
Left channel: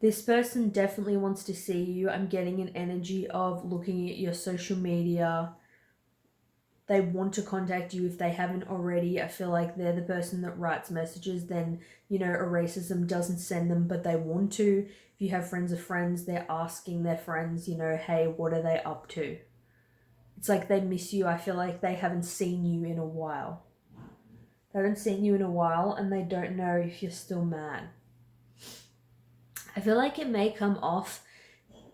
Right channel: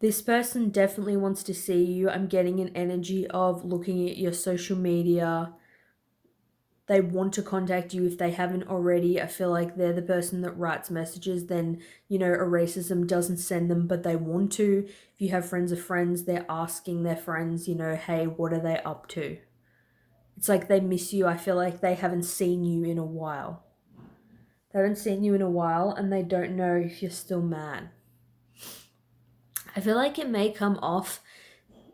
This person definitely wants to see you. I'm getting an energy of looking at your social media. They want to contact you if they haven't already. I feel like they're the person that writes messages, then, erases them, doesn't send them, but they want to. If you have friends of friends, they're asking their friends, hey, what are they up to? It's like they miss you. I feel like they haven't seen you in a while. They haven't seen you in a while, and they don't know if you're still mad. I feel like it may come off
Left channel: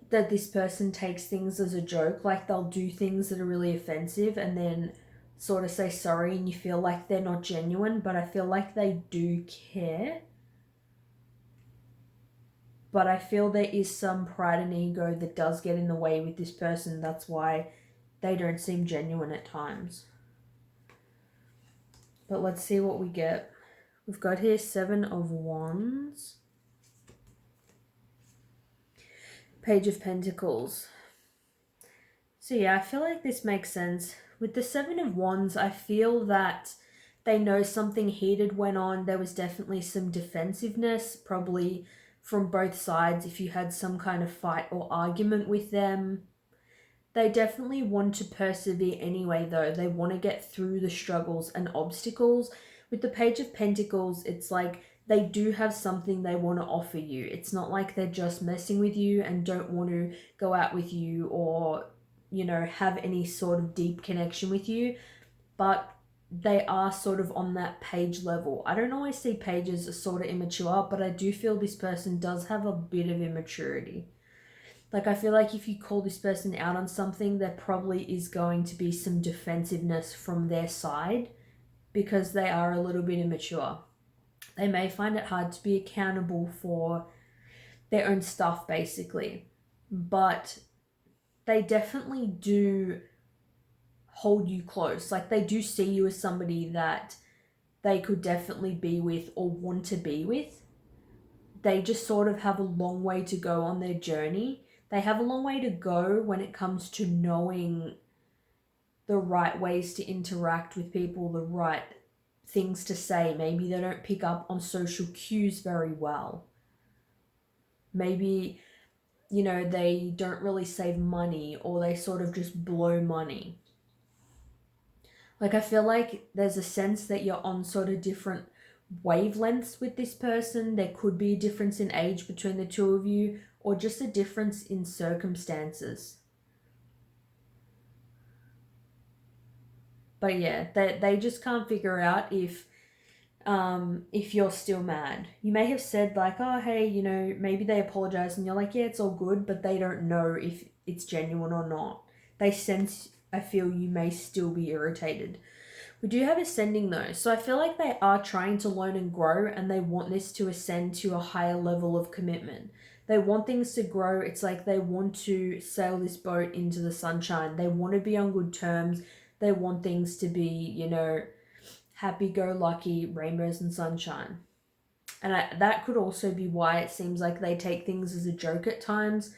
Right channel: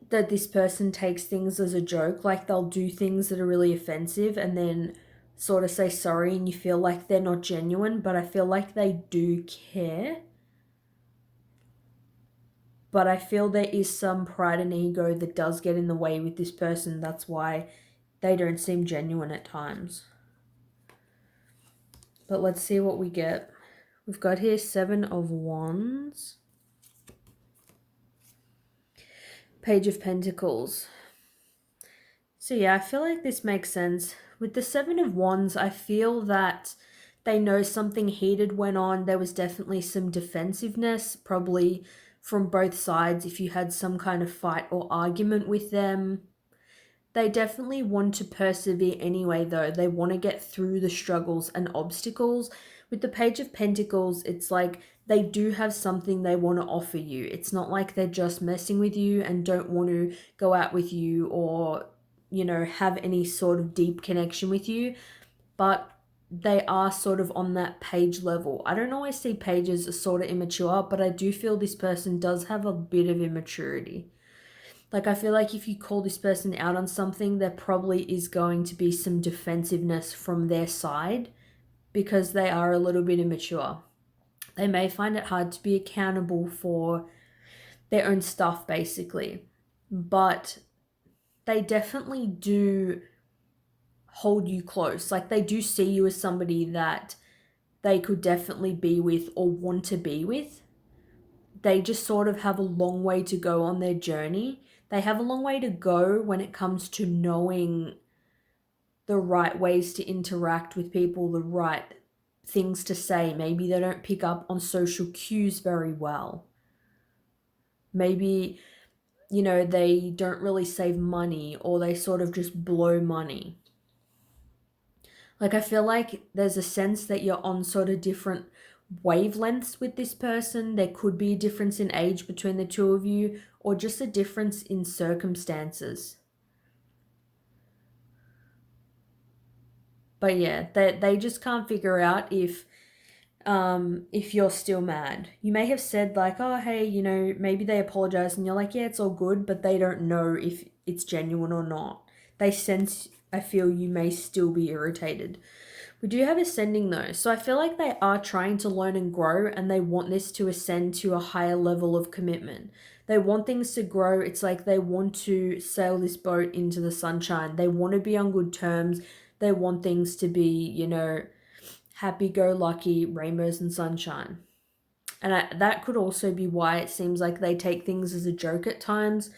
that this person takes things as a joke, like they'll do things that are really offensive and then sort of say sorry, and you feel like they're not genuine, but I feel like they do care. But I feel there is some pride and ego that does get in the way with this person. That's why they don't seem genuine at times. But let's see what we get. We've got here 7 of Wands. Page of Pentacles. So yeah, I feel like this makes sense. With the 7 of Wands, I feel that they know something heated went on. There was definitely some defensiveness, probably from both sides if you had some kind of fight or argument with them. They definitely want to persevere anyway, though. They want to get through the struggles and obstacles. With the Page of Pentacles, it's like they do have something they want to offer you. It's not like they're just messing with you and don't want to go out with you or, have any sort of deep connection with you. But they are sort of on that page level. I don't always see pages as sort of immature, but I do feel this person does have a bit of immaturity. Like, I feel like if you call this person out on something, there probably is going to be some defensiveness from their side because they are a little bit immature. They may find it hard to be accountable for their own stuff, basically. But they definitely do hold you close. Like, they do see you as somebody that they could definitely be with or want to be with. They just sort of have a long way to go on their journey. They have a long way to go when it comes to knowing the right ways to interact with people, the right things to say. Maybe they don't pick up on social cues very well. Maybe, they don't really save money, or they sort of just blow money. Like, I feel like there's a sense that you're on sort of different wavelengths with this person. There could be a difference in age between the two of you, or just a difference in circumstances. But yeah, they just can't figure out if you're still mad. You may have said like, oh, hey, maybe they apologize, and you're like, yeah, it's all good, but they don't know if it's genuine or not. They sense, I feel you may still be irritated. We do have ascending though, so I feel like they are trying to learn and grow, and they want this to ascend to a higher level of commitment. They want things to grow. It's like they want to sail this boat into the sunshine. They want to be on good terms. They want things to be, happy-go-lucky, rainbows and sunshine. And that could also be why it seems like they take things as a joke at times.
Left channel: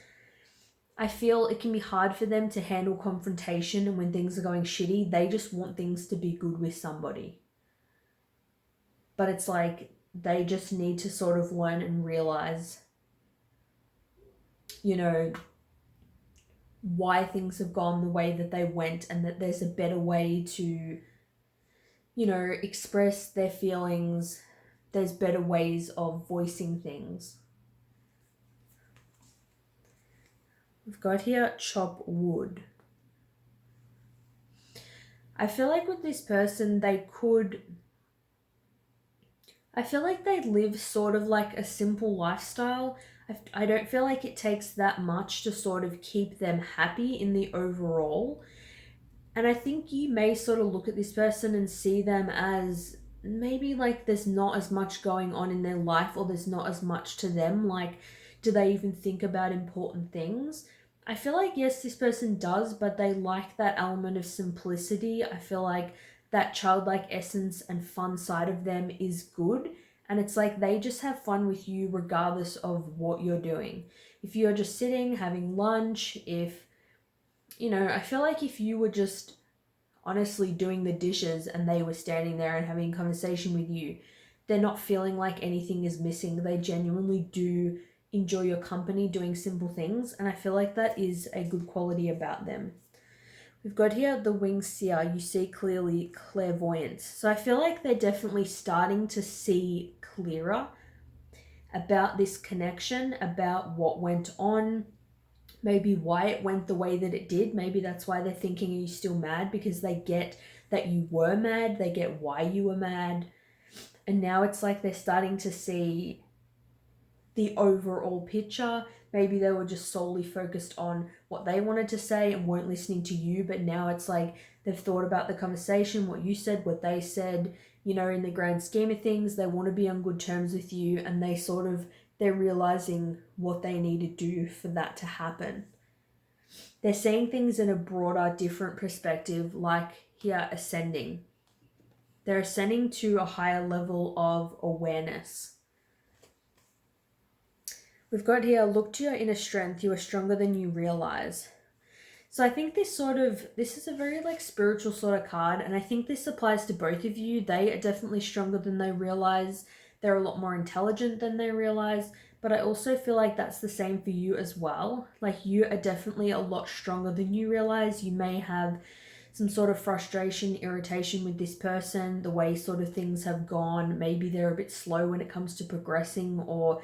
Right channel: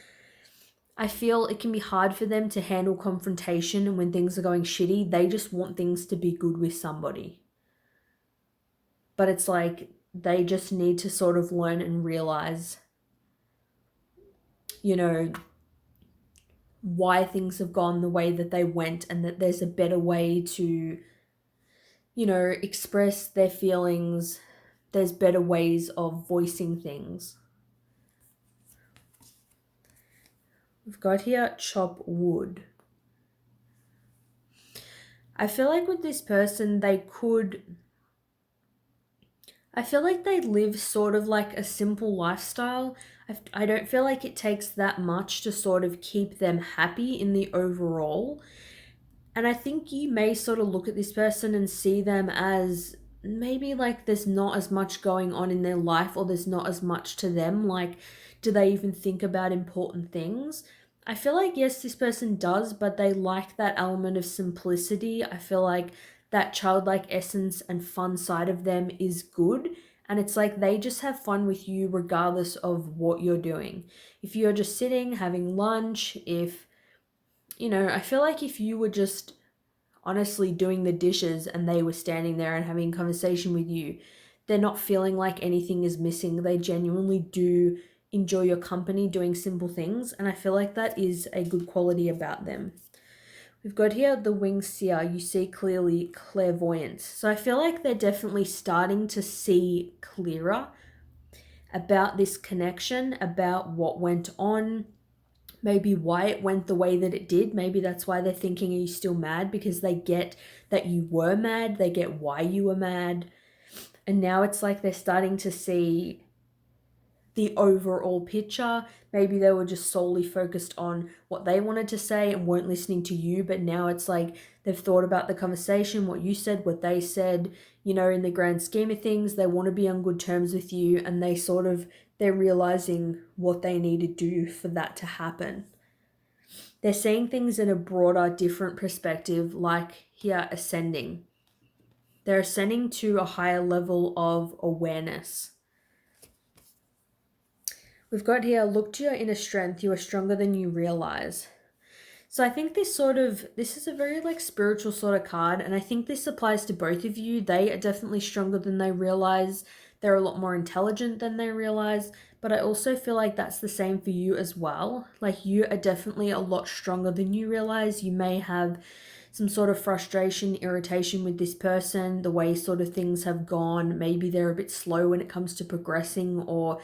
I feel it can be hard for them to handle confrontation, and when things are going shitty, they just want things to be good with somebody. But it's like they just need to sort of learn and realize, you know, why things have gone the way that they went, and that there's a better way to, you know, express their feelings. There's better ways of voicing things. We've got here chop wood. I feel like with this person, I feel like they live sort of like a simple lifestyle. I don't feel like it takes that much to sort of keep them happy in the overall. And I think you may sort of look at this person and see them as maybe like there's not as much going on in their life, or there's not as much to them. Like, do they even think about important things? I feel like, yes, this person does, but they like that element of simplicity. I feel like that childlike essence and fun side of them is good. And it's like they just have fun with you regardless of what you're doing. If you're just sitting, having lunch, if, you know, I feel like if you were just honestly doing the dishes and they were standing there and having a conversation with you, they're not feeling like anything is missing. They genuinely do enjoy your company doing simple things, and I feel like that is a good quality about them. We've got here the winged seer. You see clearly, clairvoyance. So I feel like they're definitely starting to see clearer about this connection, about what went on, maybe why it went the way that it did. Maybe that's why they're thinking, are you still mad? Because they get that you were mad, they get why you were mad. And now it's like they're starting to see the overall picture. Maybe they were just solely focused on what they wanted to say and weren't listening to you, but now it's like they've thought about the conversation, what you said, what they said, you know, in the grand scheme of things, they want to be on good terms with you, and they're realizing what they need to do for that to happen. They're seeing things in a broader, different perspective, like here, ascending. They're ascending to a higher level of awareness. We've got here, look to your inner strength. You are stronger than you realize. So I think this is a very like spiritual sort of card, and I think this applies to both of you. They are definitely stronger than they realize. They're a lot more intelligent than they realize, but I also feel like that's the same for you as well. Like, you are definitely a lot stronger than you realize. You may have some sort of frustration, irritation with this person, the way sort of things have gone. Maybe they're a bit slow when it comes to progressing, or,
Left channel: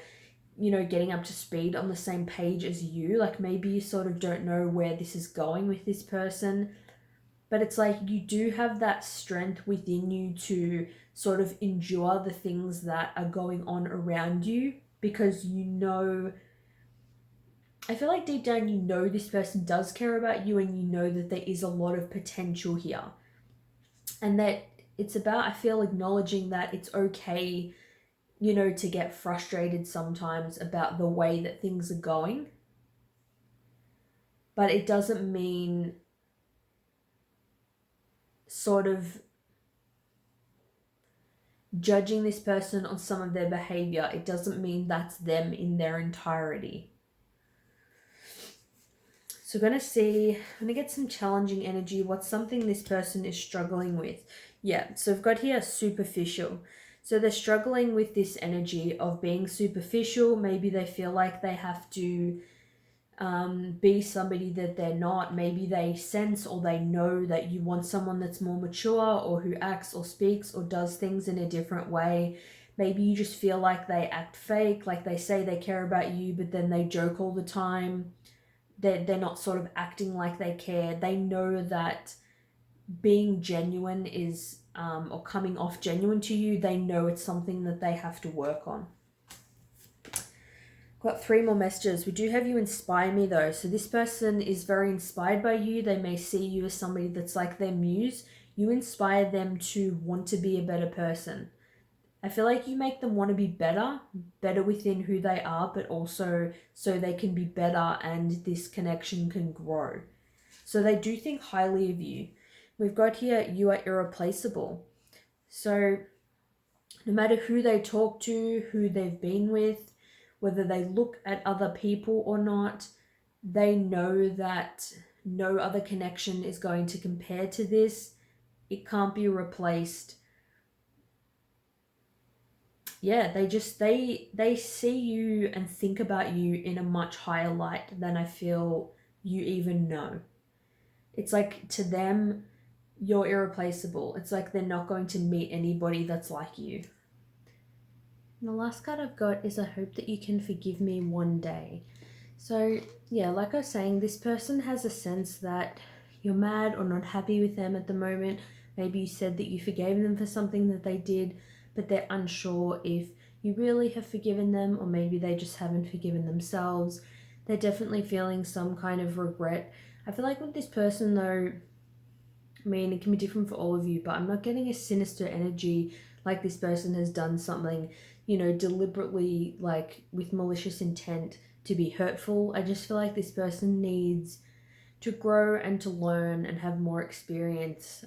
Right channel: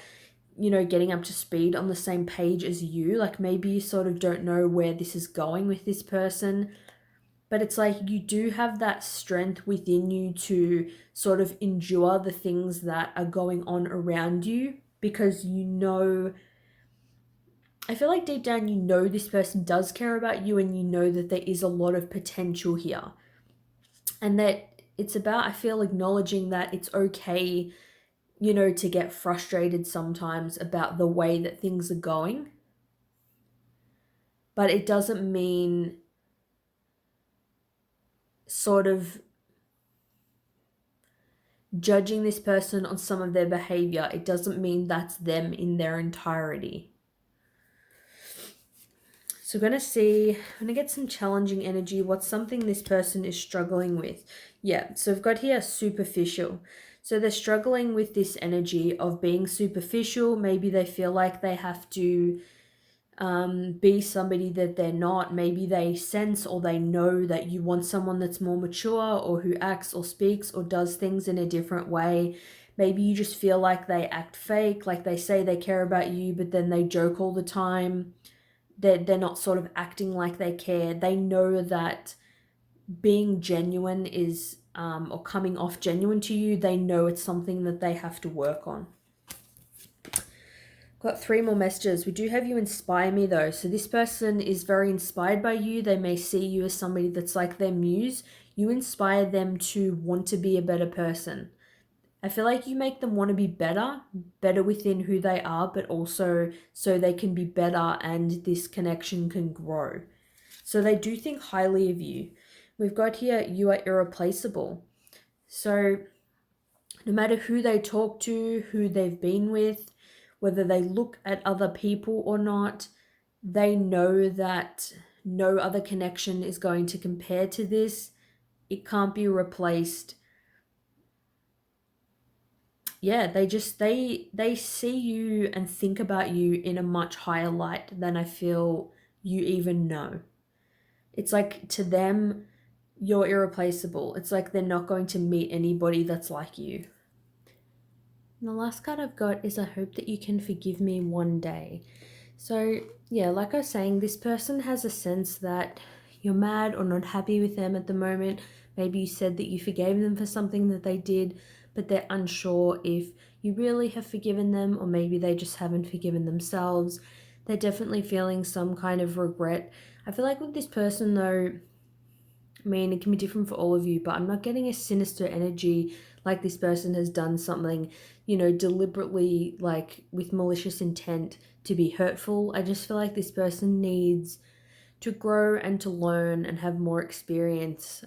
you know, getting up to speed on the same page as you. Like, maybe you sort of don't know where this is going with this person, but it's like you do have that strength within you to sort of endure the things that are going on around you, because you know, I feel like deep down you know this person does care about you, and you know that there is a lot of potential here, and that it's about, I feel, acknowledging that it's okay, you know, to get frustrated sometimes about the way that things are going. But it doesn't mean sort of judging this person on some of their behavior. It doesn't mean that's them in their entirety. So we're going to get some challenging energy. What's something this person is struggling with? Yeah, so I've got here superficial. So they're struggling with this energy of being superficial. Maybe they feel like they have to be somebody that they're not. Maybe they sense or they know that you want someone that's more mature, or who acts or speaks or does things in a different way. Maybe you just feel like they act fake, like they say they care about you, but then they joke all the time. They're not sort of acting like they care. They know that being genuine is, or coming off genuine to you, they know it's something that they have to work on. Got 3 more messages. We do have you inspire me though. So this person is very inspired by you. They may see you as somebody that's like their muse. You inspire them to want to be a better person. I feel like you make them want to be better within who they are, but also so they can be better and this connection can grow. So they do think highly of you. We've got here, you are irreplaceable. So no matter who they talk to, who they've been with, whether they look at other people or not, they know that no other connection is going to compare to this. It can't be replaced. yeah, they see you and think about you in a much higher light than I feel you even know. It's like to them, you're irreplaceable. It's like they're not going to meet anybody that's like you. And the last card I've got is I hope that you can forgive me one day. So, yeah, like I was saying, this person has a sense that you're mad or not happy with them at the moment. Maybe you said that you forgave them for something that they did, but they're unsure if you really have forgiven them, or maybe they just haven't forgiven themselves. They're definitely feeling some kind of regret. I feel like with this person, though, I mean, it can be different for all of you, but I'm not getting a sinister energy like this person has done something, deliberately, like with malicious intent to be hurtful. I just feel like this person needs to grow and to learn and have more experience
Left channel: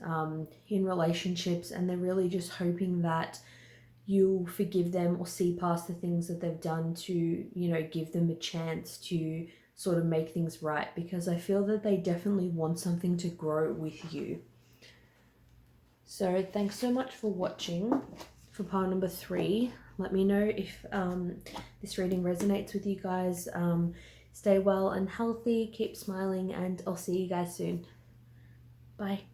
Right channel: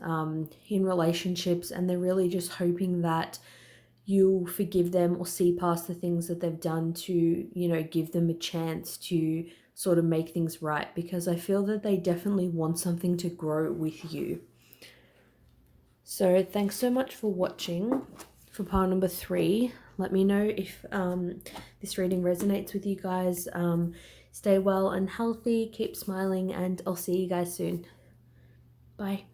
in relationships, and they're really just hoping that you'll forgive them or see past the things that they've done to, give them a chance to sort of make things right, because I feel that they definitely want something to grow with you. So thanks so much for watching for pile number 3. Let me know if this reading resonates with you guys. Stay well and healthy, keep smiling, and I'll see you guys soon. Bye.